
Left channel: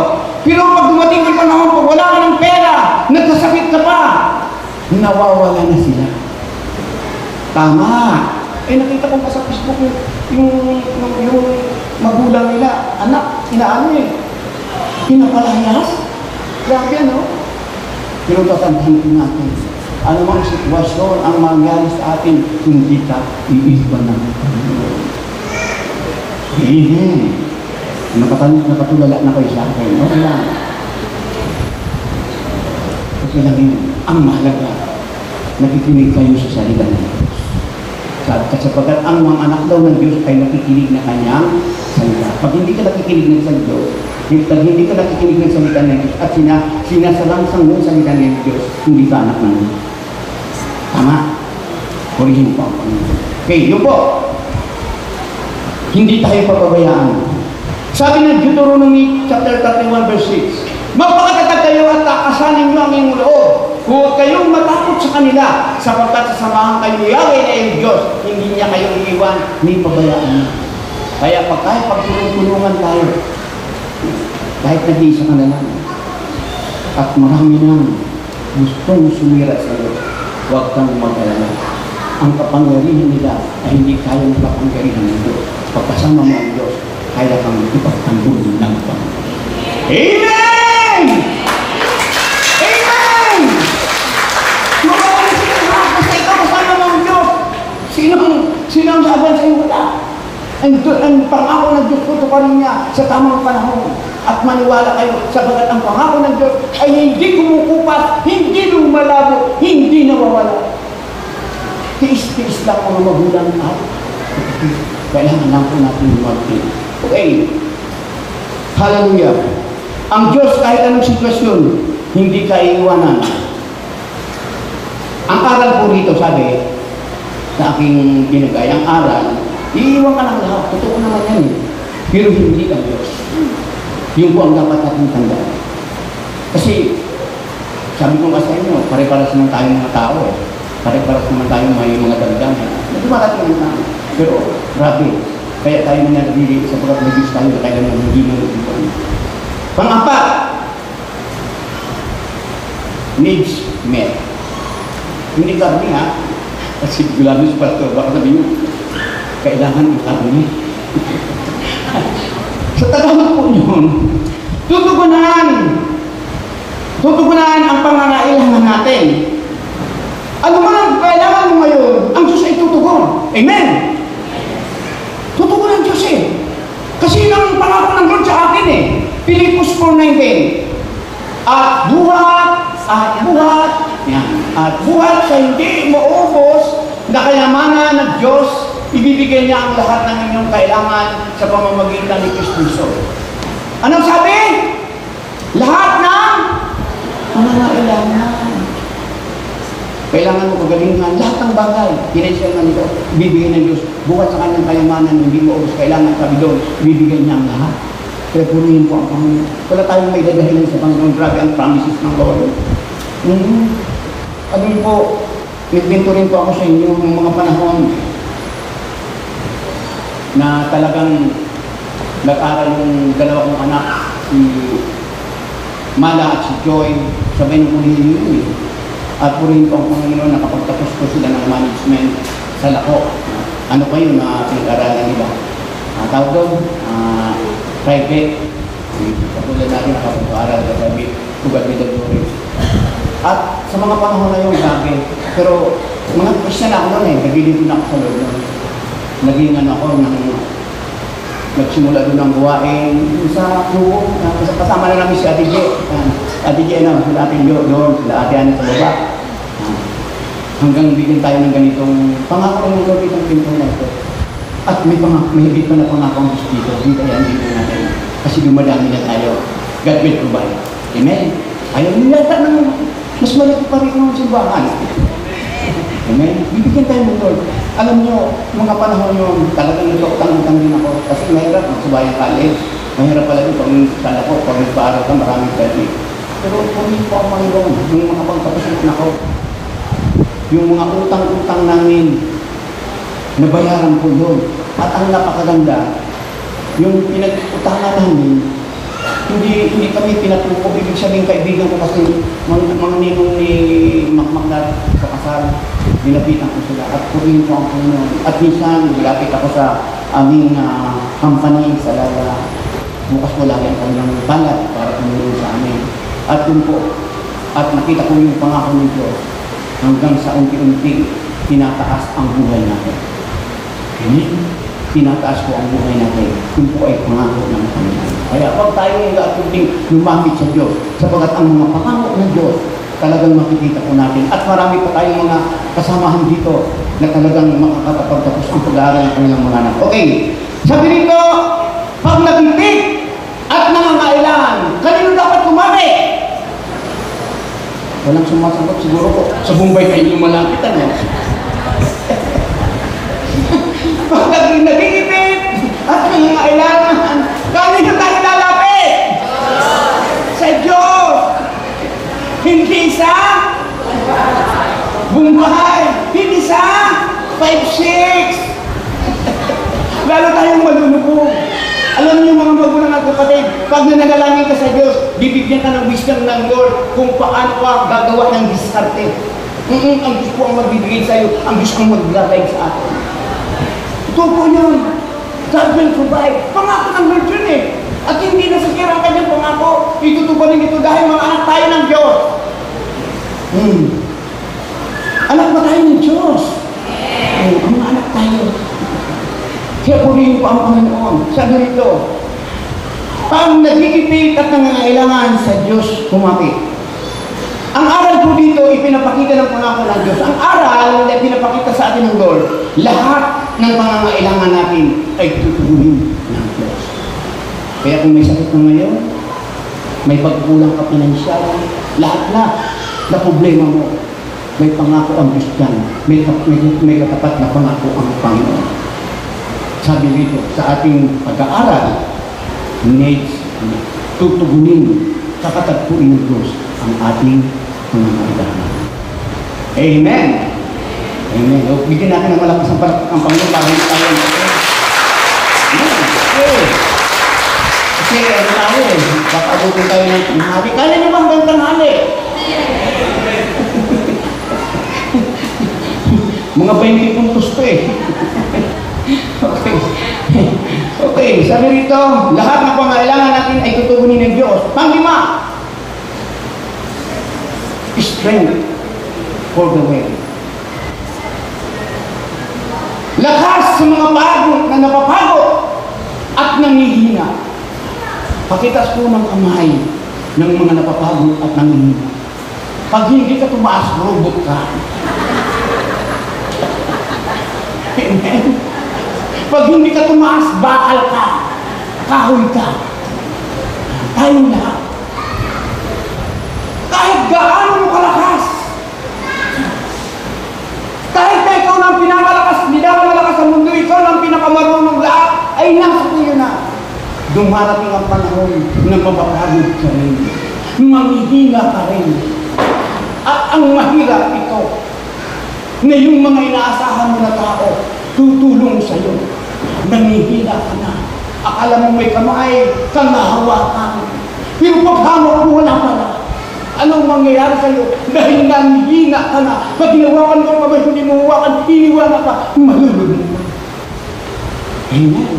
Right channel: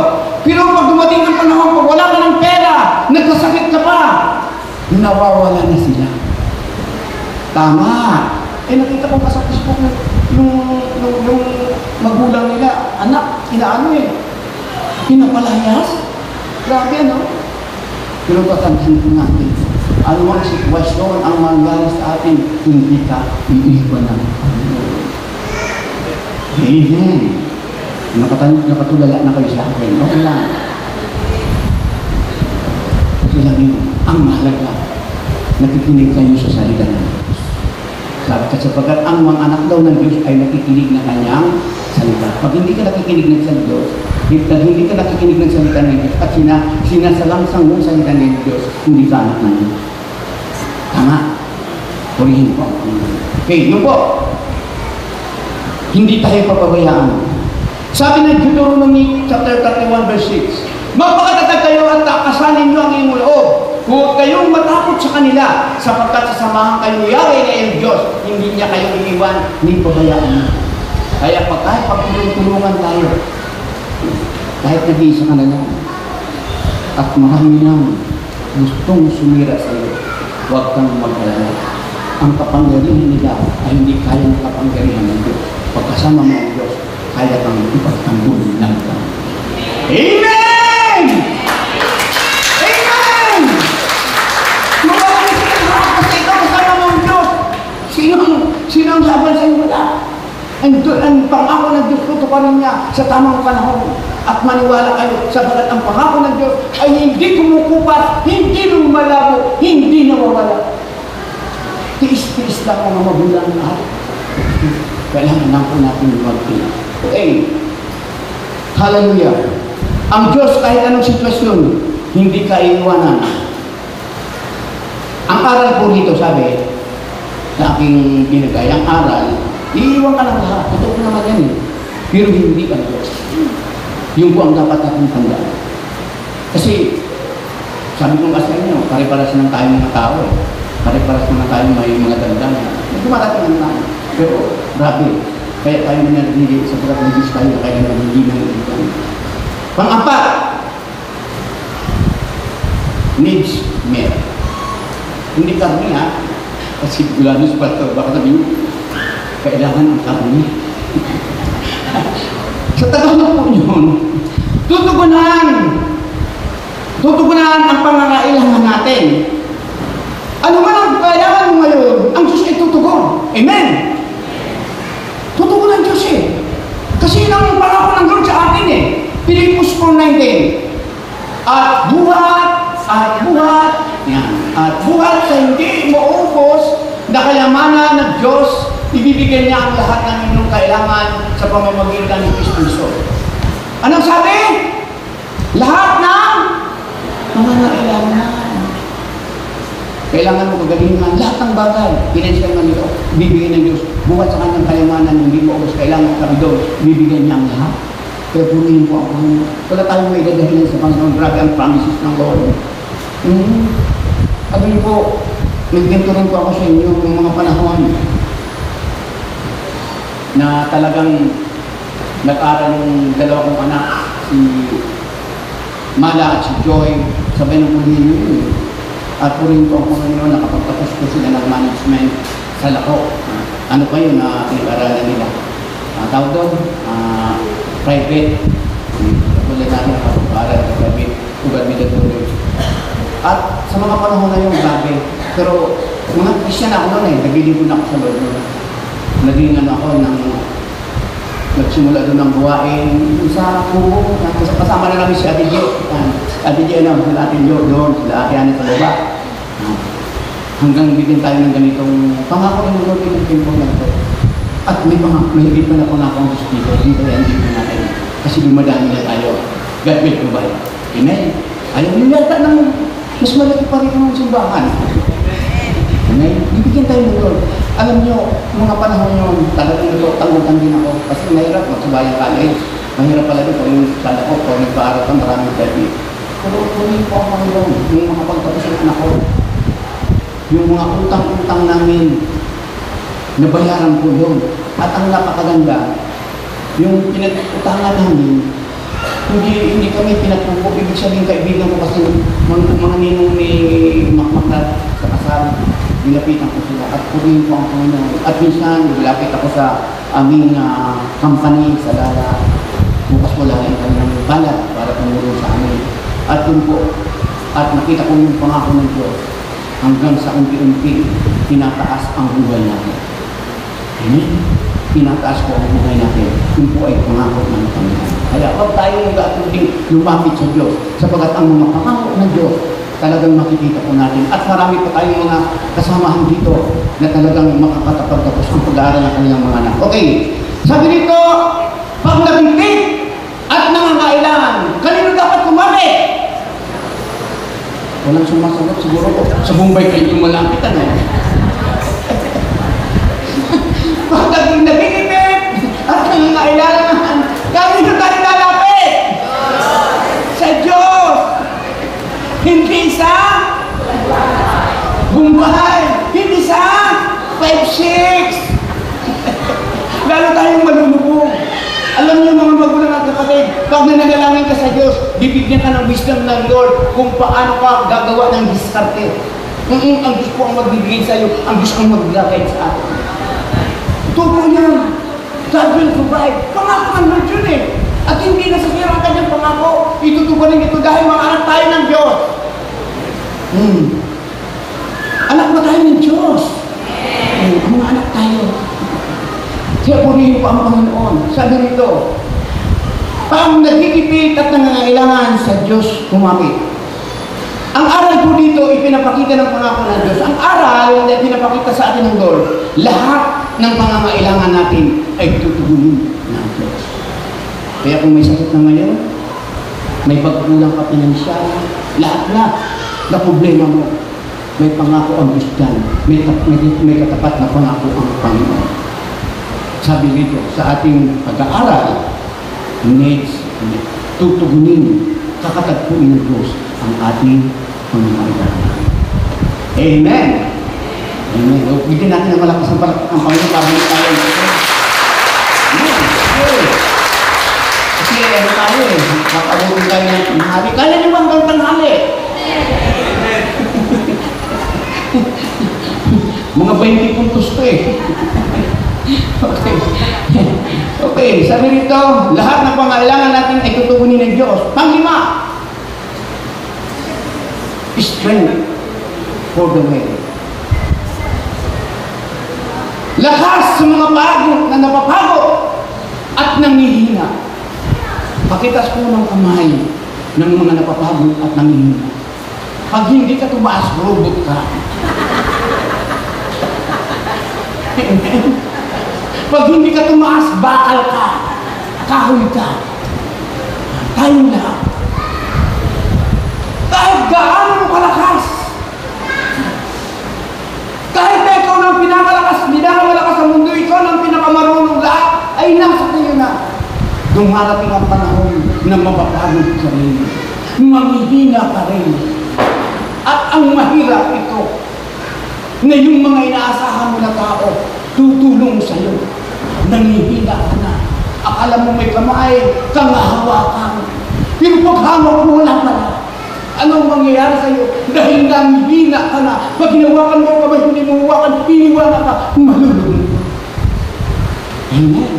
pero pag dumating ang panahon, pag wala ka ng pera, nagkasakit ka pa, nawawala na sila. Tama. Eh nakita ko pa sa Facebook yung magulang nila, anak, inaano eh, pinapalayas. Grabe ano? Pero tatandaan ko natin, anumang sitwasyon ang mangyari sa atin, hindi ka iiwan ng Panginoon. Amen. Nakatulala na kayo sa akin. Okay lang. Kasi lang yun, ang mahalaga, nakikinig kayo sa salita ng Diyos. Sapagkat ang mga anak daw ng Diyos ay nakikinig na kanyang salita. Pag hindi ka nakikinig ng salita ng Diyos, pag hindi ka nakikinig ng salita ng Diyos at sinasalangsang mo salita ng Diyos, hindi ka anak ng Diyos. Tama? Hulihin po. Okay, yun po. Hindi tayo papabayaan. Sabi ng Deuteronomy chapter 31 verse 6, magpakatatag kayo at takasanin niyo ang inyong loob. Huwag kayong matakot sa kanila, sapagkat sasamahan kayo Yahweh na iyong Diyos. Hindi niya kayo iiwan, ni pabayaan niya. Kaya kahit pagtulungan tayo, kahit nag-iisa ka na lang, at marami lang gustong sumira sa iyo, huwag kang mag-alala. Ang kapangyarihan nila ay hindi kayang kapangyarihan ng Diyos. Pagkasama mo ang Diyos, kaya kang ipagtanggol ng Panginoon. Amen! Amen! Magaling sila sa ako sa ikaw, kasama mo ang Diyos. Sino ang laban sa iyo? Wala. Ang pangako ng Diyos, tutuparin niya sa tamang panahon. At maniwala kayo, sabagat ang pangako ng Diyos ay hindi kumukupas, hindi lumalabo, hindi nawawala. Tiis-tiis lang ang magulang at kailangan lang po natin mag-tiis. Okay. Hallelujah. Ang Diyos kahit anong sitwasyon, hindi ka iiwanan. Ang aral po dito, sabi, sa aking binigay, ang aral, iiwan ka ng lahat. Totoo naman yan eh. Pero hindi ka Diyos. Yun po ang dapat natin tandaan. Kasi, sabi ko sa inyo, pare-paras naman tayo mga tao eh. Pare-paras naman tayo may mga damdaman. Dumalat naman tayo. Pero, grabe. Kaya tayo na nagiging sa pagkat nagiging tayo, kaya nagiging tayo. Pang-apat, needs met. Hindi kami ha, kasi gulano sa parto, baka sabihin, kailangan ang kami. Sa tagal na po yun, tutugunan ang pangangailangan natin. Ano man ang kailangan mo ngayon, ang Diyos ay tutugon. Amen! kayamanan ng Diyos, ibibigay niya ang lahat ng inyong kailangan sa pamamagitan ni Kristo. Anong sabi? Lahat ng mga kailangan. Kailangan mo kagalingan, lahat ng bagay, pinansyal man ito, ibibigay ng Diyos. Bukat sa kanyang kayamanan, hindi mo ubos, kailangan ka doon, ibibigay niya ang lahat. Kaya punihin po ako. Wala tayong may dadahin sa Panginoon, grabe ang promises ng Lord. Sabi po, nagpinto rin po ako sa inyo ng mga panahon na talagang nag-aral ng dalawa kong anak, si Mala at si Joy, sabihin ko ninyo. At po rin po ang Panginoon, nakapagtapos po sila ng management sa Lako. Ano kayo na pinag-aralan nila? Tawag doon, private. Kapulad natin nakapag-aaral ka sabi, ugad-bidad po rin. At sa mga panahon na yun, sabi, pero mga Christian ako na nagilipin ako sa loob. Naging ako ng nagsimula doon ng buwain sa kubo. Kasama na namin si Ate Jo. Ate Jo, sila Ate Jo doon, sila Ate Ana sa baba. Hanggang bigyan tayo ng ganitong pangako ng Lord ng timpong na ito. At may higit pa na pangako ang Diyos dito. Hindi kaya hindi po natin. Kasi dumadami na tayo. God will provide. Amen? Ayaw mo yata naman. Mas malaki pa rin ang simbahan. Amen? Bibigyan tayo ng Lord. Alam niyo, mga panahon yun, talagang ito, tanggutang din ako. Kasi mahirap magsabayang college. Mahirap pala rin pag sana ko, pag nagpaaral ka, maraming dati. Pero hindi po ang Panginoon, yung mga pagpapasok na ko. Yung mga utang-utang namin, nabayaran ko doon. At ang napakaganda, yung pinag-utangan namin, hindi kami pinatuko. Ibig sabihin kaibigan ko kasi mga ninong ni Makmaklat sa kasal. Nilapitan ko sila at purin ko ang Panginoon. At minsan, nilapit ako sa aming company sa Lala. Bukas wala lang kami ng balat para tumulong sa amin. At yun po, at nakita ko yung pangako ng Diyos hanggang sa unti-unti, tinataas ang buhay natin. Amen? Tinataas ko ang buhay natin. Yun po ay pangako ng Panginoon. Kaya pag tayo nag-atuling lumapit sa Diyos, sapagat ang mga pangako ng Diyos, talagang makikita po natin. At marami pa tayong mga kasamahan dito na talagang makakatapagtapos ang pag-aaral ng kanilang mga anak. Okay, sabi dito, pag nagbibig at nangangailan, kanino dapat kumapit? Walang sumasagot siguro po. Sa Bombay kayo yung malapit, ano? Pag nagigipit at nangangailan, kanino tayo lalapit? Sa Diyos! Hindi sa Bombay, hindi sa 5-6. Lalo tayong malulubog. Alam niyo mga magulang at kapatid, pag nananalangin ka sa Diyos, bibigyan ka ng wisdom ng Lord kung paano ka gagawa ng diskarte. Ang Diyos po ang magbibigay sa iyo, ang Diyos ang mag-guide sa akin. Ito po yun. God will provide. Pangako ng Lord yun eh. At hindi nasasira ang kanyang pangako. Itutuparin ito dahil mga anak tayo ng Diyos. Anak ba tayo ng Diyos? Mga anak tayo. Kaya purihin pa ang Panginoon. Sabi nito, pang nagkikipit at nangangailangan sa Diyos kumapit. Ang aral po dito, ipinapakita ng pangako ng Diyos. Ang aral na ipinapakita sa atin ng Lord, lahat ng pangangailangan natin ay tutugunin ng Diyos. Kaya kung may sakit na ngayon, may pagkulang ka pinansyal, lahat-lahat na problema mo, may pangako ang Diyos dyan. May katapat na pangako ang Panginoon. Sabi dito, sa ating pag-aaral, needs, tutugunin, kakatagpuin ng Diyos ang ating pangangailangan. Amen! Amen. O, bigyan natin ng malakas ang Panginoon para hindi tayo. Amen. Kasi ano tayo eh, kakabutin tayo ng tanghali. Kaya naman bang tanghali? Mga 20 puntos to eh. Okay, sabi rito, lahat ng pangailangan natin ay tutugunin ng Diyos. Panglima, strength for the way. Lakas sa mga pagod na napapagod at nangihina. Pakitas po ng kamay ng mga napapagod at nangihina. Pag hindi ka tumaas, robot ka. Amen? Pag hindi ka tumaas, bakal ka. Kahoy ka. Tayo na. Kahit gaano mo kalakas. Kahit na ikaw ng pinakalakas sa mundo, ikaw ng pinakamarunong lahat, ay nasa tayo na. Dumarating ang panahon na mapapagod ka rin. Manghihina ka rin. At ang mahirap ito, na yung mga inaasahan mo na tao, tutulong sa iyo. Nanghihina ka na. Akala mo may kamay, kang nahawakan. Pero paghawak mo, wala pala. Anong mangyayari sa iyo? Dahil nanghihina ka na. Pag hinawakan mo kamay, kung hindi mo hawakan, iniwanan ka, malulog mo. Amen.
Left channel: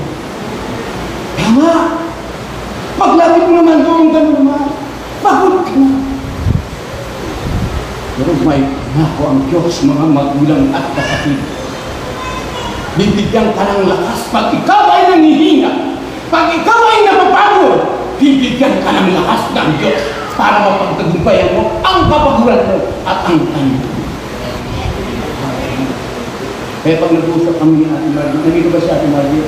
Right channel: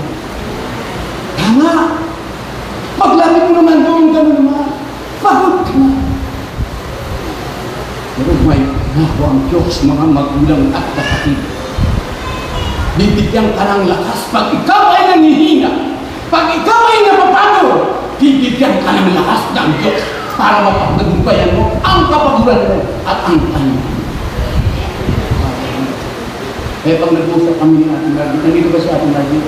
Tama. Paglapit mo naman doon, gano'n naman. Pagod ka na. Pero may nako ang Diyos, mga magulang at kapatid. Bibigyan ka ng lakas pag ikaw ay nanghihina. Pag ikaw ay napapagod, bibigyan ka ng lakas ng Diyos para mapagtagumpayan mo ang kapaguran mo at ang kanya. Kaya pag nag-usap kami ng Ate Margie, nandito ba si Ate Margie?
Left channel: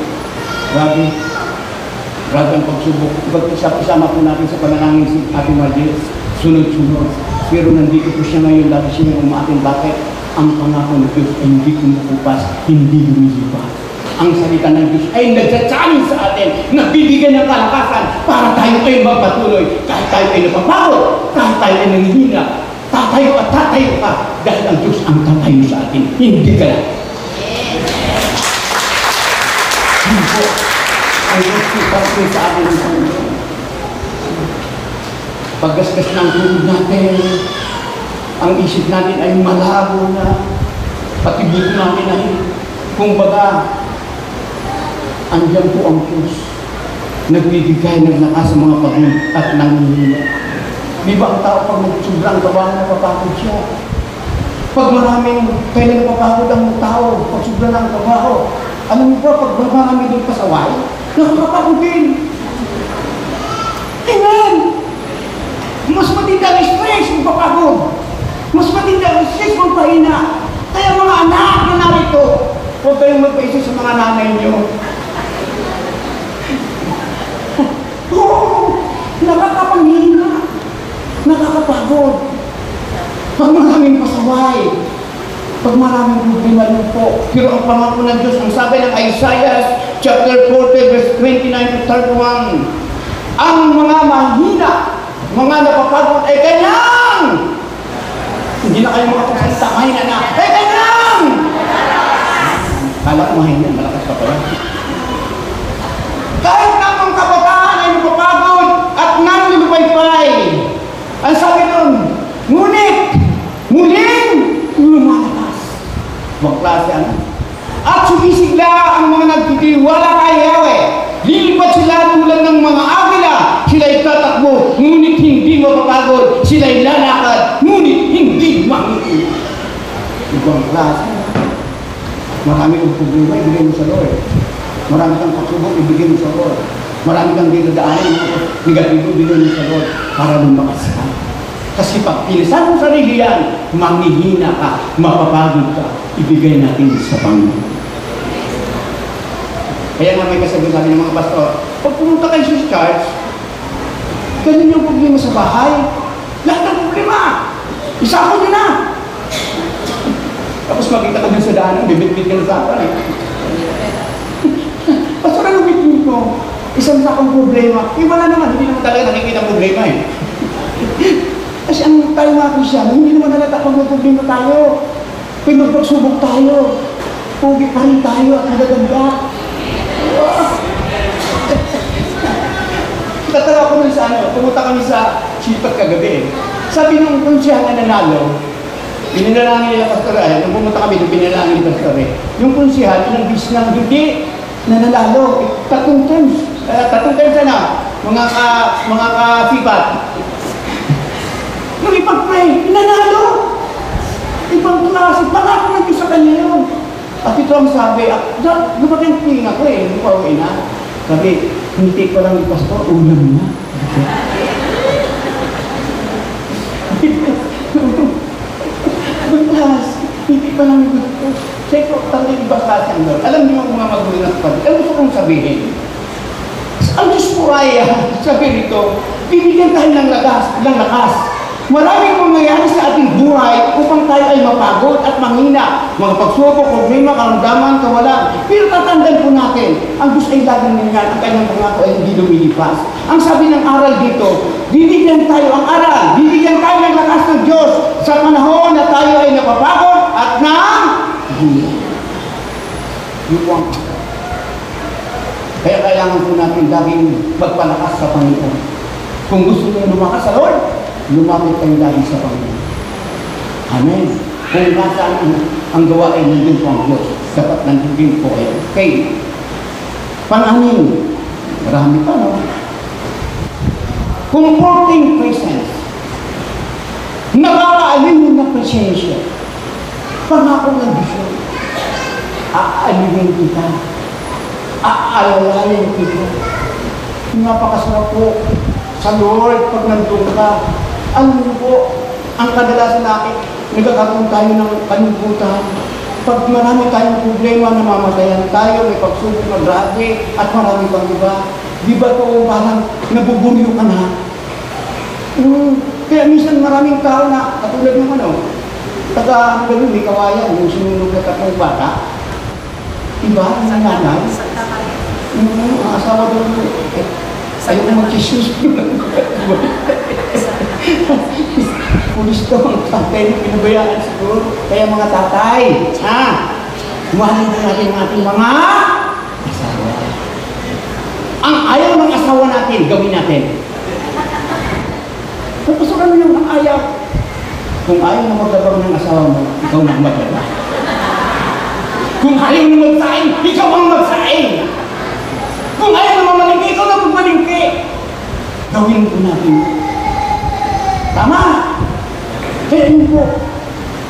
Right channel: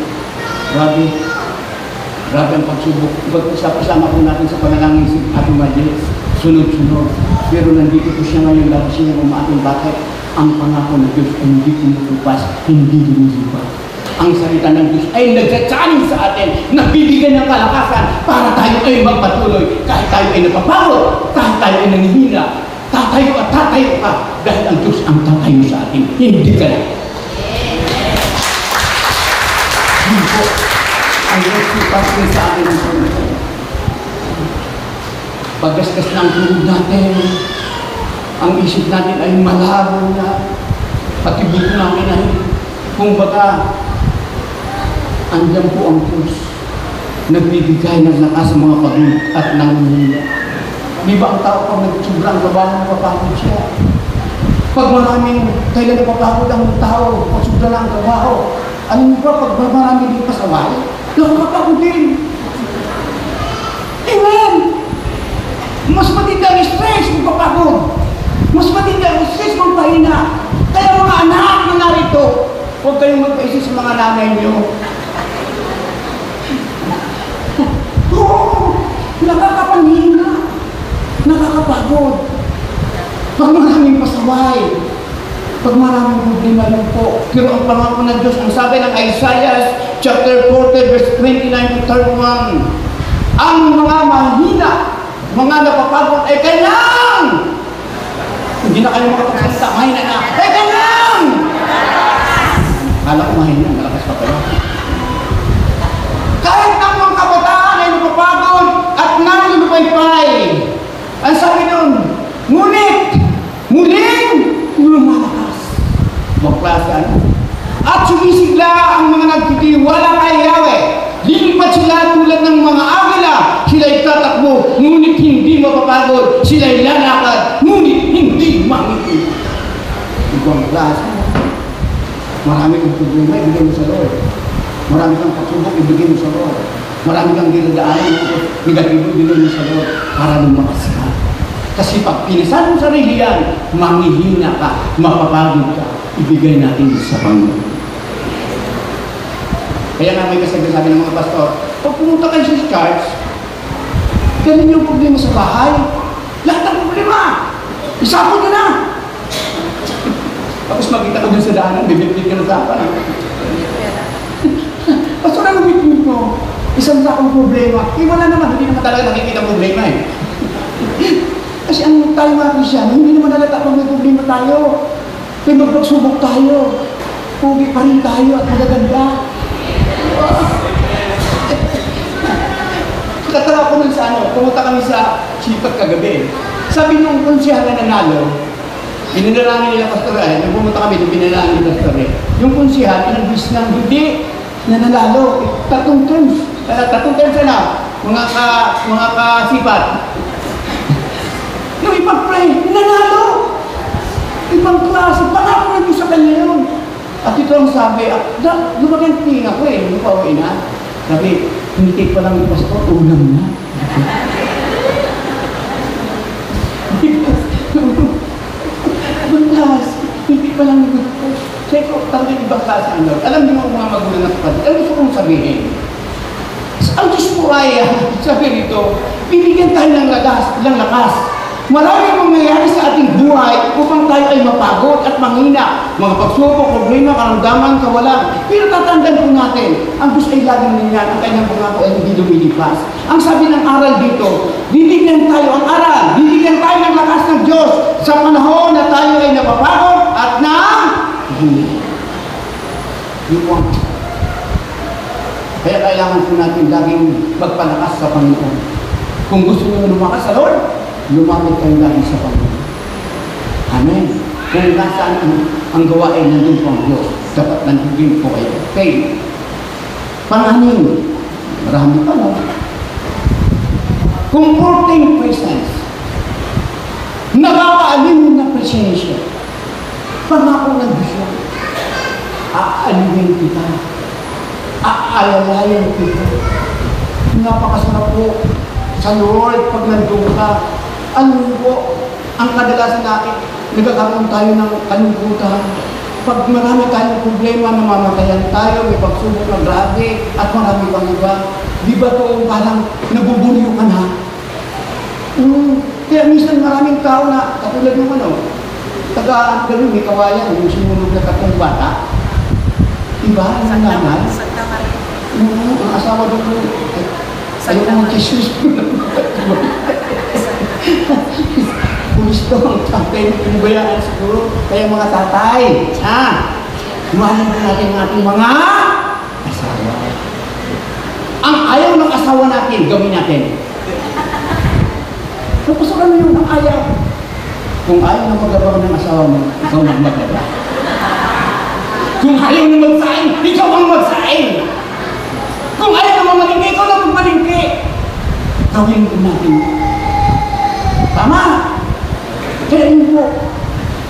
Grabe ang pagsubok. Pag-usap-usama po natin sa panalangin si Ate Margie, sunod-sunod. Pero nandito po siya ngayon, dapat siya ng umaking bakit ang pangako ng Diyos ay hindi kumukupas, hindi lumilipas. Ang salita ng Diyos ay nagsasabi sa atin, nagbibigyan ng kalakasan para tayo ay magpatuloy. Kahit tayo ay napapagod, kahit tayo ay nanghihina, tatayo ka, dahil ang Diyos ang tatayo sa atin, hindi ka na. Hindi po, ang Diyos ipasli sa atin ng Diyos. Paggasgas ng tulog natin, ang isip natin ay malabo na, pati buto natin ay, kumbaga, andyan po ang Diyos, nagbibigay ng lakas sa mga pagod at nanghihina. Di ba ang tao pag nagsobrang gawa, napapagod siya? Pag maraming kailan napapagod ang tao, pag sobrang ang gawa, ano mo ba, pag marami din pasaway, nakakapagod din. Amen! Mas matindi ang stress kung papagod. Mas matindi ang stress kung pahina. Kaya mga anak na narito, huwag kayong magpaisip sa mga nanay niyo. Oo, nakakapanghina. Nakakapagod. Pag maraming pasaway, pag maraming problema lang po. Pero ang pangako ng Diyos, ang sabi ng Isaiah chapter 40 verse 29 to 31, ang mga mahina, mga napapagod ay kanyang. Hindi na kayo makapagsalita, mahina na, ay kanyang. Kala ko mahina, malakas pa pala. Kahit ang mga kabataan ay napapagod at nalulupay-pay, ang sabi nun, ngunit, muling lumalakas. Magklase ano? At sumisigla ang mga nagtitiwala kay Yahweh. Lilipat sila tulad ng mga agila. Sila'y tatakbo, ngunit hindi mapapagod. Sila'y lalakad, ngunit hindi mangitim. Ibang klase. Marami kang problema, ibigay mo sa Lord. Marami kang kasubok, ibigay mo sa Lord. Marami kang dinadaanan, negatibo, ibigay mo sa Lord. Para lumakas ka. Kasi pag pinisan mo sarili yan, manghihina ka, mapapagod ka, ibigay natin sa Panginoon. Kaya nga may kasabi natin ng mga pastor, pag pumunta kayo sa church, dalhin yung problema sa bahay, lahat ng problema, isakot ka na. Tapos makita ko din sa daanan, bibit-bit ka na sa akin. Pastor, ano bit-bit ko? Isang sakong problema, wala naman, hindi naman talaga nakikita ang problema eh. Kasi ang tayo nga Kristiyan, hindi naman halata pag may problema tayo. Kaya magpagsubok tayo. Pugi pa rin tayo at magaganda. Tatara ko nun sa ano, pumunta kami sa Chipat kagabi. Sabi niyo, kung siya na nanalo, pinanalangin nila pastor nung pumunta kami, pinanalangin nila pastor yung kunsihan, inabis na hindi nanalo. Tatlong terms na, mga kasipat. Nung ipag-pray, nanalo. Ibang klase, baka ako sa kanya yun. At ito ang sabi, lumating pina ko eh, hindi ko na. Sabi, hindi ko lang pastor, ulam na. Bukas, hindi ko lang ito. Check ko, talaga magpapala sa inyo. Alam niyo mga magulang na kapatid, alam gusto kong sabihin. Ang Diyos po ay, sabi rito, bibigyan tayo ng lakas. Maraming mangyayari sa ating buhay upang tayo ay mapagod at manghina. Mga pagsubok, problema, karamdaman, kawalan. Pero tatandaan po natin, ang Diyos ay laging nangyayari, ang kanyang pangako ay hindi lumilipas. Ang sabi ng aral dito, bibigyan tayo ang aral, bibigyan tayo ng lakas ng Diyos sa panahon na tayo ay napapagod at hindi. Kaya kailangan po natin laging magpalakas sa Panginoon. Kung gusto nyo lumakas sa Lord, lumapit kayo lagi sa Panginoon. Amen. Kung nasaan ang gawa ay nandun po ang Diyos, dapat nandun po kayo. Okay. Pang-anim, marami pa, no? Comforting presence. Nakakaaliw na presensya. Pangako ng Diyos. Aaliwin kita. Aalalayan kita. Napakasarap po sa Lord pag nandun ka. Ano po, ang kadalasan natin, nagkakaroon tayo ng kalungkutan. Pag marami tayong problema, namamatayan tayo, may pagsubok na grabe, at marami kang iba. Di ba po parang nabubulyo ka na? Kaya minsan maraming tao na, katulad ng taga-gawin, may kawayan, yung sinunod na tatlong bata. Diba? Ang nanay? Ang asawa doon. Ayaw ko mag-Jesus. Pulis to, ang pinubayaan siguro. Kaya mga tatay, mahalin natin ang ating mga asawa. Ang ayaw ng asawa natin, gawin natin. Kung gusto ka naman ng ayaw, kung ayaw na maglagawa ng asawa mo, ikaw na maglagawa. Kung ayaw na magsain, ikaw ang magsain. Kung ayaw na mamalingki, ikaw na magmalingki. Gawin natin. Tama. Kaya yun po,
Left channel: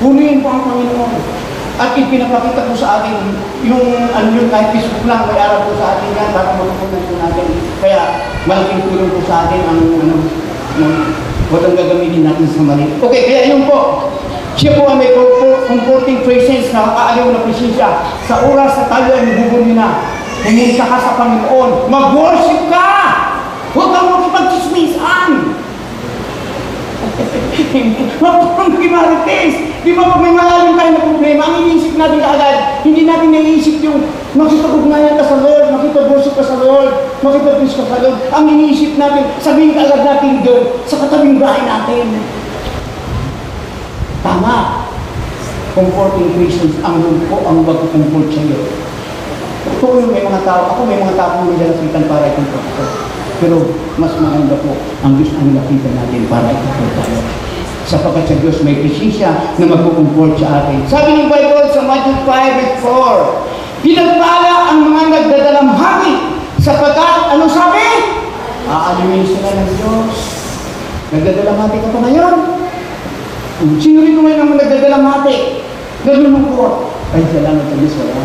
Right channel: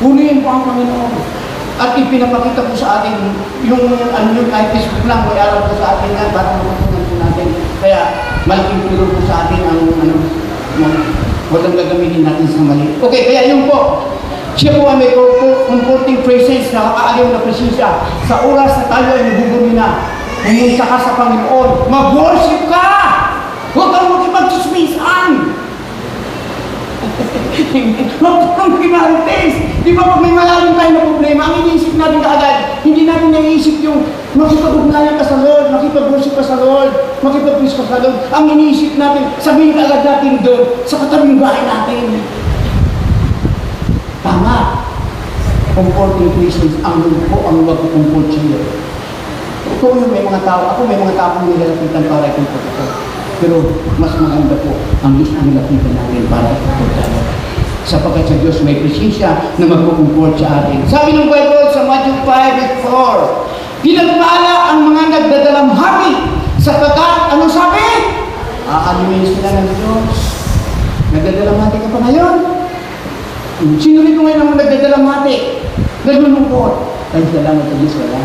punuin po ang Panginoon. At ipinapakita po sa atin, yung kahit Facebook lang, may aral po sa atin yan, para matutunan po natin. Kaya, malaking tulong po sa atin ang huwag ang gagamitin natin sa mali. Okay, kaya yun po. Siya po ang may comforting presence, nakakaaliw na presensya. Sa oras na tayo ay nabubuli na, huminsa ka sa Panginoon, mag-worship ka! Huwag kang makipag-chismisan! Huwag kang mag-imarites! Di ba pag may malalim tayo na problema, ang iniisip natin kaagad, hindi natin naiisip yung makipag-ugnayan ka sa Lord, makipag-worship ka sa Lord, makipag-push ka sa Lord. Ang iniisip natin, sabihin kaagad natin doon, sa katabing bahay natin. Tama. Comforting presence, ang loob ko, ang mag-comfort sa iyo. Ito ko may mga tao, ako may mga tao nila lapitan para i-comfort ko. Pero mas maganda po ang Diyos ang lapitan natin para i-comfort tayo. Sapagkat sa Diyos may presensya na mag-comfort sa atin. Sabi ng Bible sa Matthew 5:4, pinagpala ang mga nagdadalamhati sapagkat, ano sabi? Aaliwin sila ng Diyos. Nagdadalamhati ka pa ngayon? Sino rin ngayon ang nagdadalamhati? Nalulungkot. Ay, salamat sa Diyos, wala.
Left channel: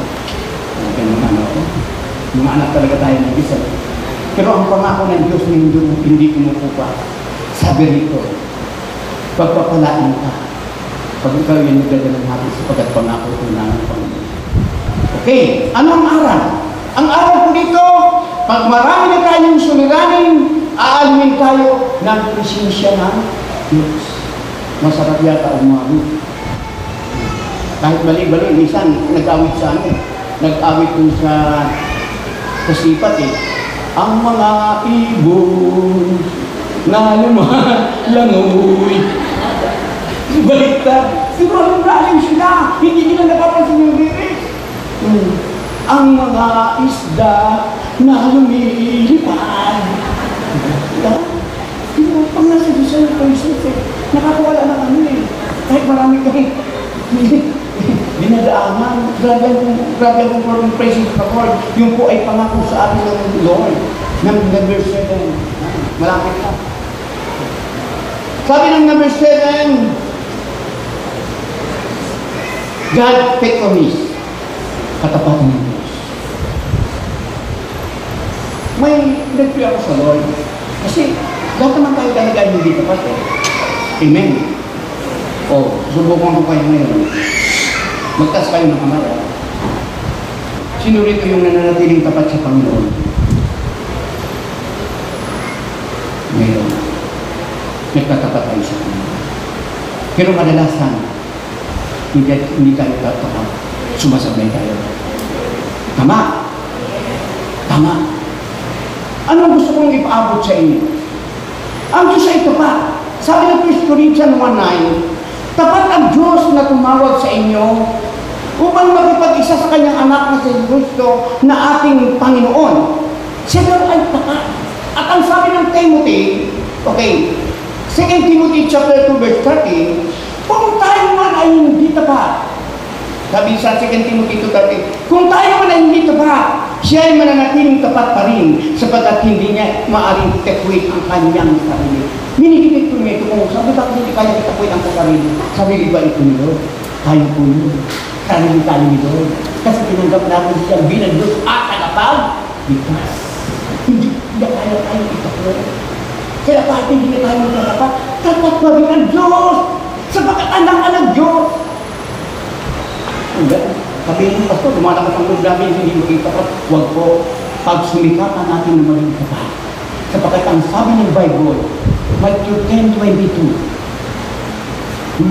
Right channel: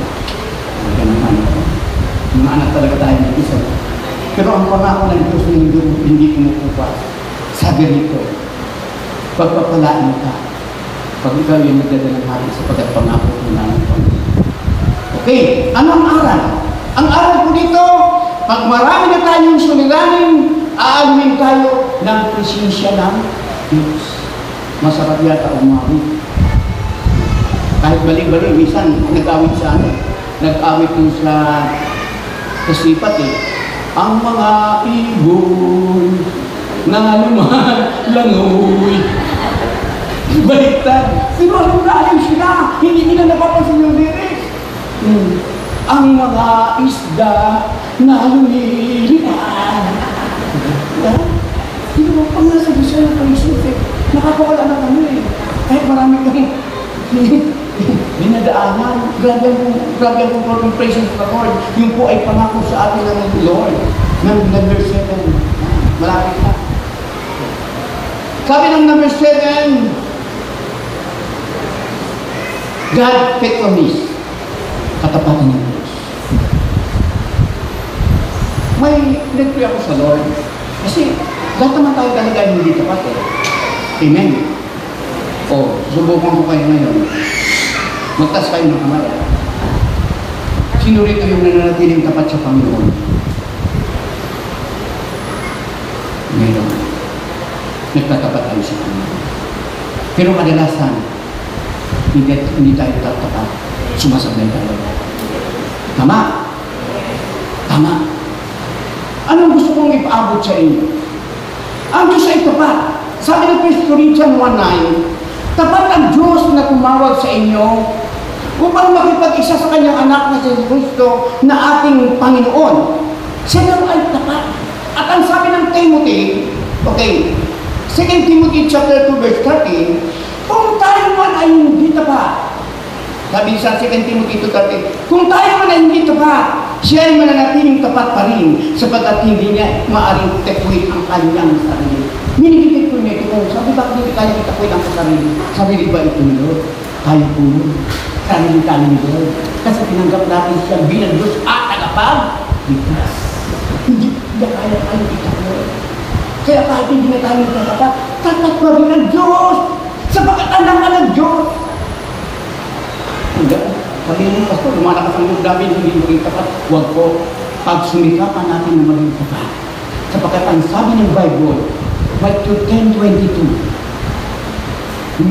Mga anak talaga tayo ng isa. Pero ang pangako ng Diyos hindi kumukupas. Sabi rito, pagpapalain ka, pag ikaw yung nagdadalamhati sapagkat pangako ko namin Panginoon. Okay, ano ang aral? Ang aral po dito, pag marami na tayong suliranin, aalumin tayo ng presensya ng Diyos. Masarap yata umawit. Kahit bali-bali, minsan nag-awit sa amin. Nag-awit po sa kasipat Ang mga ibon na lumalangoy. Baliktad. Siguro lalim sila. Hindi nila napapansin yung lyrics. Ang mga isda na lumilipad. Hindi mo pa nga sa Diyos ay napaisip nakakawala na kami Kahit marami kang dinadaanan, grabe ang presence of the Lord. Yung po ay pangako sa atin ng Lord. Number 7. Malapit na. Sabi ng number 7, God faithfulness. Katapatan ng Diyos. May nag-pray ako sa Lord. Kasi lahat naman tayo talaga hindi tapat Amen. Subukan ko kayo ngayon. Magtas kayo ng kamara. Sino rito yung nananatiling tapat sa Panginoon? Meron. Nagtatapat tayo sa Panginoon. Pero kadalasan, hindi tayo tapat. Sumasabay tayo. Tama? Tama. Anong gusto kong ipaabot sa inyo? Ang Diyos ay tapat. Sabi ng 1 Corinthians 1:9, tapat ang Diyos na tumawag sa inyo upang makipag-isa sa kanyang anak na si Kristo na ating Panginoon. Siya ay tapat. At ang sabi ng Timothy, okay, 2 Timothy chapter 2 verse 13, kung tayo man ay hindi tapat, sabi sa 2 Timothy 2:13, kung tayo man ay hindi tapat, siya ay mananatiling tapat pa rin sapagkat hindi niya maaaring tekwit ang kanyang sarili. Minigit ko niya ito. Sabi ba kung hindi tayo tekwit ang sarili? Sarili ba ito nyo? Tayo po nyo. Sarili tayo nyo. Kasi tinanggap natin siya bilang Diyos at tagapag. Because hindi kaya tayo itakwit. Kaya kahit hindi na tayo tapat, tapat pa rin ang Diyos sapagkat anak ka ng Diyos. Hanggang sabihin mo, Pastor, lumalakas ang loob namin, hindi maging tapat. Huwag po, pagsumikapan natin ng maging tapat. Sapagkat ang sabi ng Bible, Matthew 10:22,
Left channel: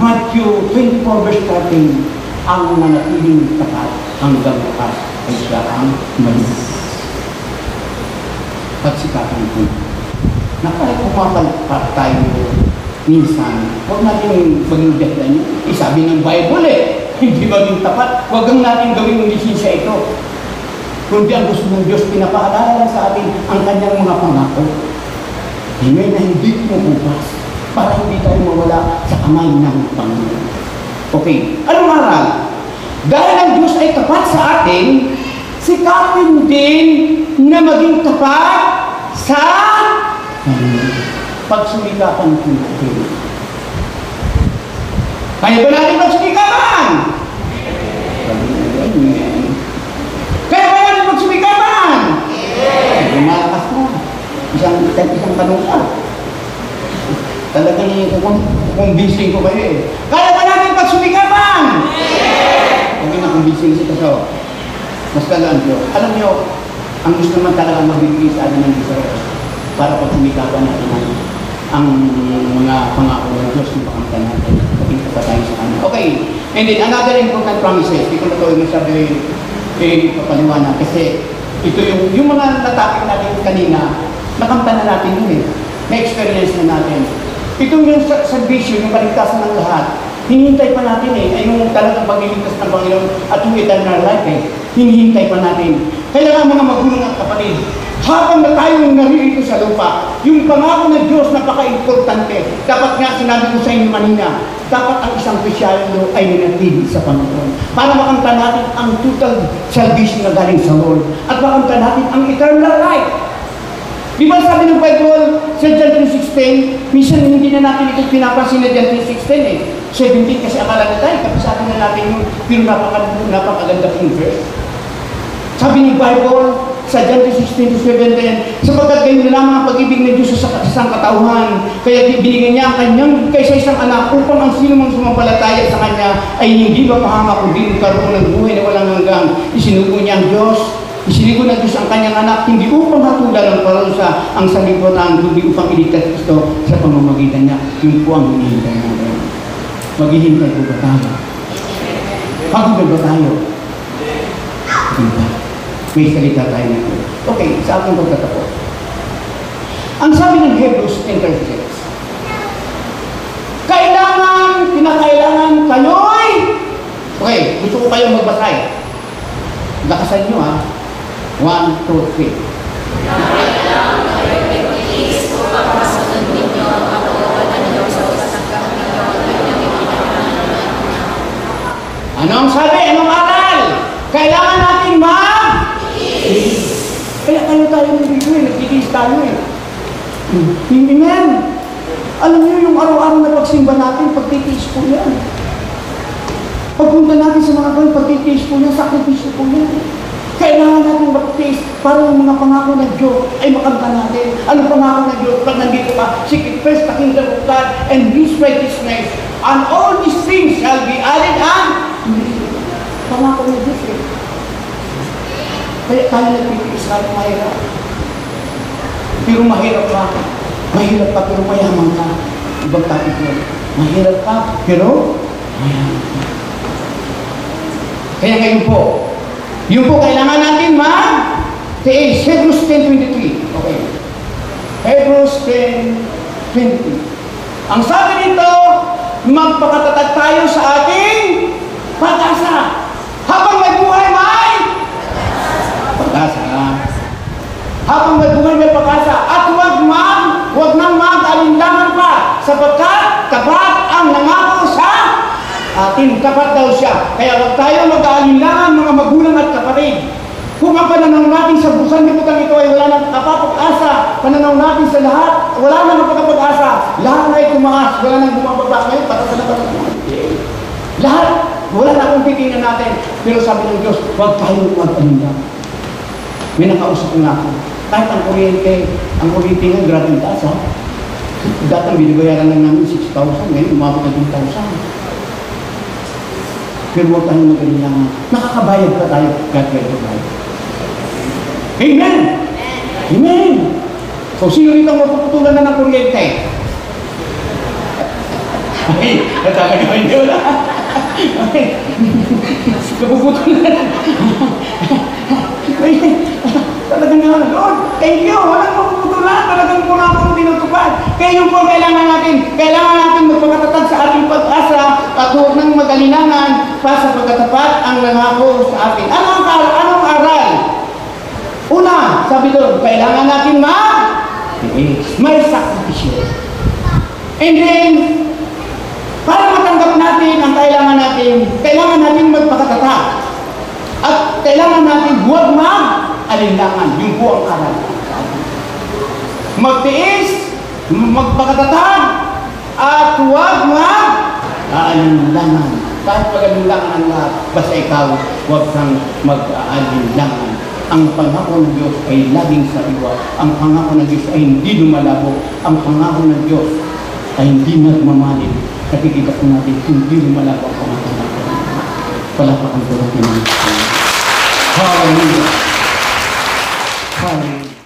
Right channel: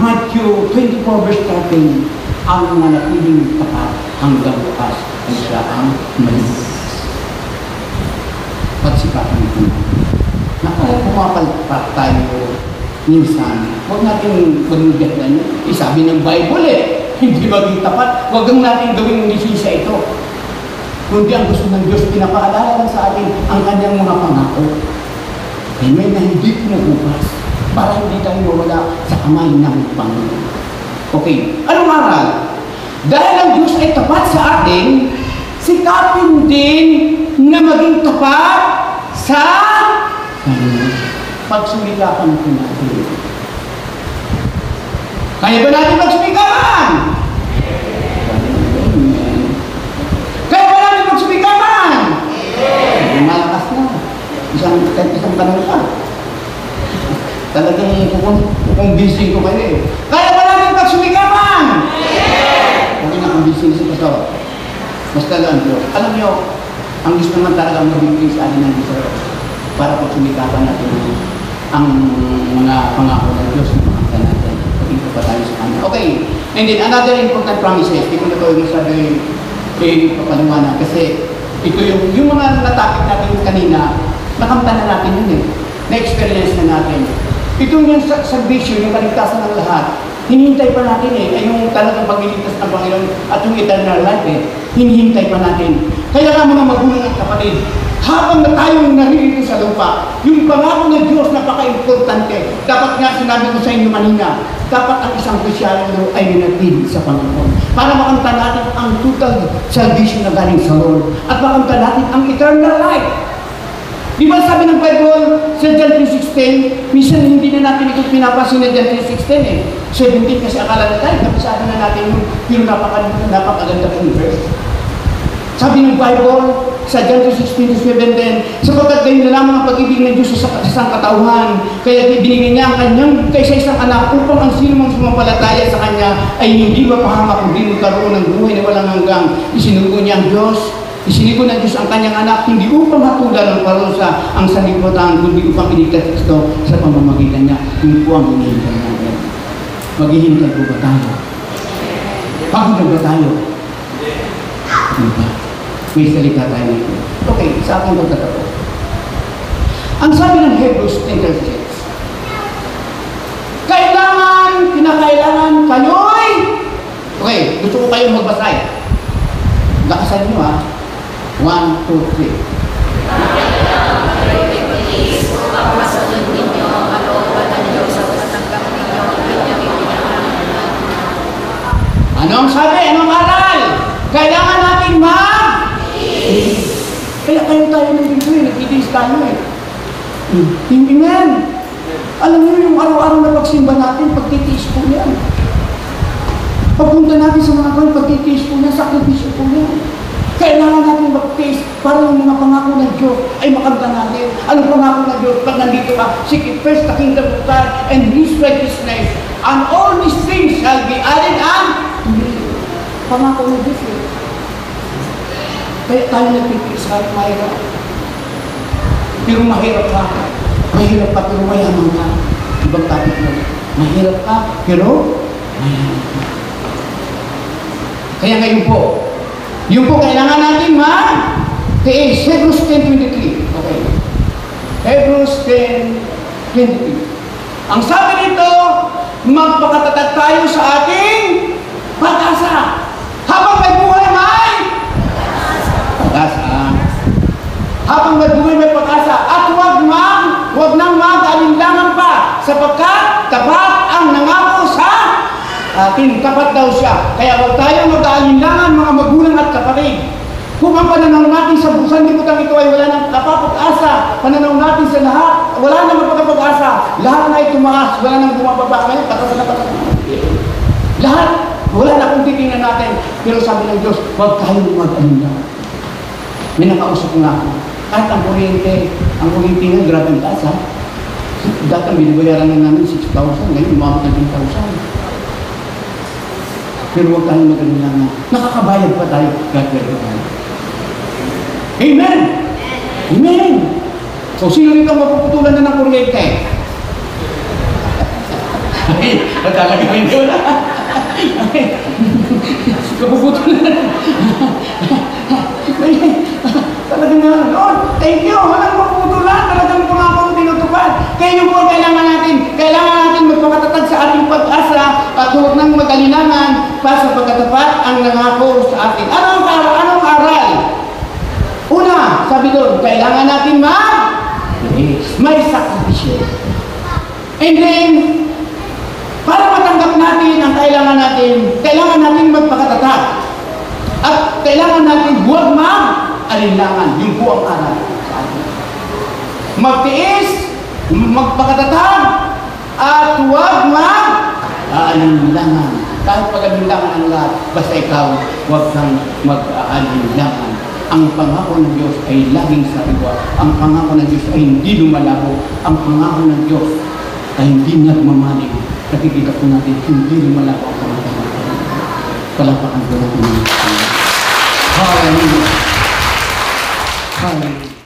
Matthew 24 verse 13, ang manatiling tapat hanggang bukas ay siya ang malis. Pagsikapan ito. Na kahit pumakalpat tayo minsan, huwag natin maging na niyo. Isabi ng Bible hindi maging tapat, huwag natin gawin ng lisensya ito. Kundi ang gusto ng Diyos, pinapaalala sa atin ang kanyang mga pangako. Ngayon na hindi pinubukas para hindi tayo mawala sa kamay ng Panginoon. Okay, anong aral? Dahil ang Diyos ay tapat sa atin, sikapin din na maging tapat sa Panginoon. Pagsumikapan ko natin. Kaya ba natin magsumikapan? Kaya ba natin magsumikapan? Malakas na. Isang tanong ka. Talagang kukumbising ko kayo Kaya ba natin magsumikapan? Huwag na kumbising sa kasawa. Mas talaan ko. Alam niyo, ang gusto naman talagang mabigay sa atin ng Israel para pagsumikapan natin ang mga pangako ng Diyos na pakanta natin. Pagkita pa tayo sa kanya. Okay. And then, another important promises. Hindi ko na ito yung sabi papaliwanag. Kasi ito yung mga natapit natin kanina, nakamta na natin yun Na-experience na natin. Ito yung salvation, yung kaligtasan ng lahat. Hinihintay pa natin ay yung talagang pagliligtas ng Panginoon at yung eternal life hinihintay pa natin. Kaya nga mga magulang at kapatid, habang na tayong naririto sa lupa, yung pangako ng Diyos napaka-importante. Dapat nga sinabi ko sa inyo kanina, dapat ang isang Kristyano ay nanatili sa Panginoon. Para makamta natin ang total salvation na galing sa Lord. At makamta natin ang eternal life. Di ba sabi ng Bible sa John 3:16, minsan hindi na natin ito pinapasin na John 3:16 17 kasi akala na tayo, tapos sabi na natin yung pero napakaganda pong verse. Sabi ng Bible sa John 3:16-17, sapagkat gayon lamang ang pag-ibig ng Diyos sa isang katauhan, kaya binigyan niya ang kanyang kaysa isang anak upang ang sino mang sumampalataya sa kanya ay hindi mapahamak kundi magkaroon ng buhay na walang hanggang. Isinugo niya ang Diyos. Isinigo ng Diyos ang kanyang anak, hindi upang hatulan ng parusa ang sanlibutan, kundi upang iligtas Kristo sa pamamagitan niya. Yun po ang hinihintay natin. Maghihintay po ba tayo? Pagod ba tayo? Hintay. May salita tayo natin. Okay, sa ating pagkatapos. Ang sabi ng Hebrews 10:6, kinakailangan kayo'y, okay, gusto ko kayong magbasay. Lakasan nyo 1, 2, 3. Anong sabi? Anong aral? Kailangan natin kaya tayo nagtitiis tayo Hindi yan. Alam niyo yung araw-araw na pagsimba natin, pagtitiis po yan. Pagpunta natin sa mga kayo, pagtitiis po yan, sakripisyo po yan. Kailangan natin magtiis para yung mga pangako ng Diyos ay makamta natin. Anong pangako ng Diyos? Pag nandito ka, seek first the kingdom of God and His righteousness, and all these things shall be added on. Pangako ng Diyos Kaya tayo nagpipis kahit mahirap. Pero mahirap ka. Mahirap ka pero mayaman ka. Ibang topic mo. Mahirap ka pero mayaman ka. Kaya ngayon po, yun po kailangan natin ma-tiis. Hebrews 10:23. Okay. Hebrews 10:23. Ang sabi nito, magpakatatag tayo sa ating pag-asa. Habang may buhay may pag-asa. Habang may buhay may pag-asa. At huwag nang mag-alinlangan pa, sapagkat tapat ang nangako sa ating. Tapat daw siya. Kaya huwag tayo mag-alinlangan, mga magulang at kapatid. Kung ang pananaw natin sa busan liputan ito ay wala nang kapapag-asa, pananaw natin sa lahat, wala nang kapapag-asa, lahat ay tumaas, wala nang bumababa. Ngayon, lahat, wala na kung titingnan natin. Pero sabi ng Diyos, huwag tayo mag-alinlangan. May nakausap nga ako. Kahit ang kuryente nga, grabe ang taas ha. Dati binibayaran lang namin 6,000, ngayon umabot na 2,000. Pero huwag tayong mag-alinlangan. Nakakabayad pa tayo, kaya tayo. Amen! Amen! So, sino rito mapuputulan na ng kuryente? Ay, natalaga ko hindi wala. Mapuputulan na. Talagang nga, Lord, thank you. Walang mapuputulan. Talagang po na akong tinutupad. Kaya yung po kailangan natin magpakatatag sa ating pag-asa at huwag nang mag-alinlangan pa sa pagkatapat ang nangako sa atin. Anong aral? Una, sabi doon, kailangan natin may sakripisyo. And then, para matanggap natin ang kailangan natin magpakatatag. At kailangan natin huwag mag-alinlangan. Yung po ang aral sa atin. Magtiis, magpakatatag, at huwag mag-alinlangan. Kahit pag-alinlangan ang lahat, basta ikaw, huwag kang mag-alinlangan. Ang pangako ng Diyos ay laging sa iwa. Ang pangako ng Diyos ay hindi lumalabo. Ang pangako ng Diyos ay hindi nagmamaling. Nakikita po natin, hindi lumalabo ang pangako ng Diyos. Palapakan po natin ang Diyos. Hallelujah. Hallelujah.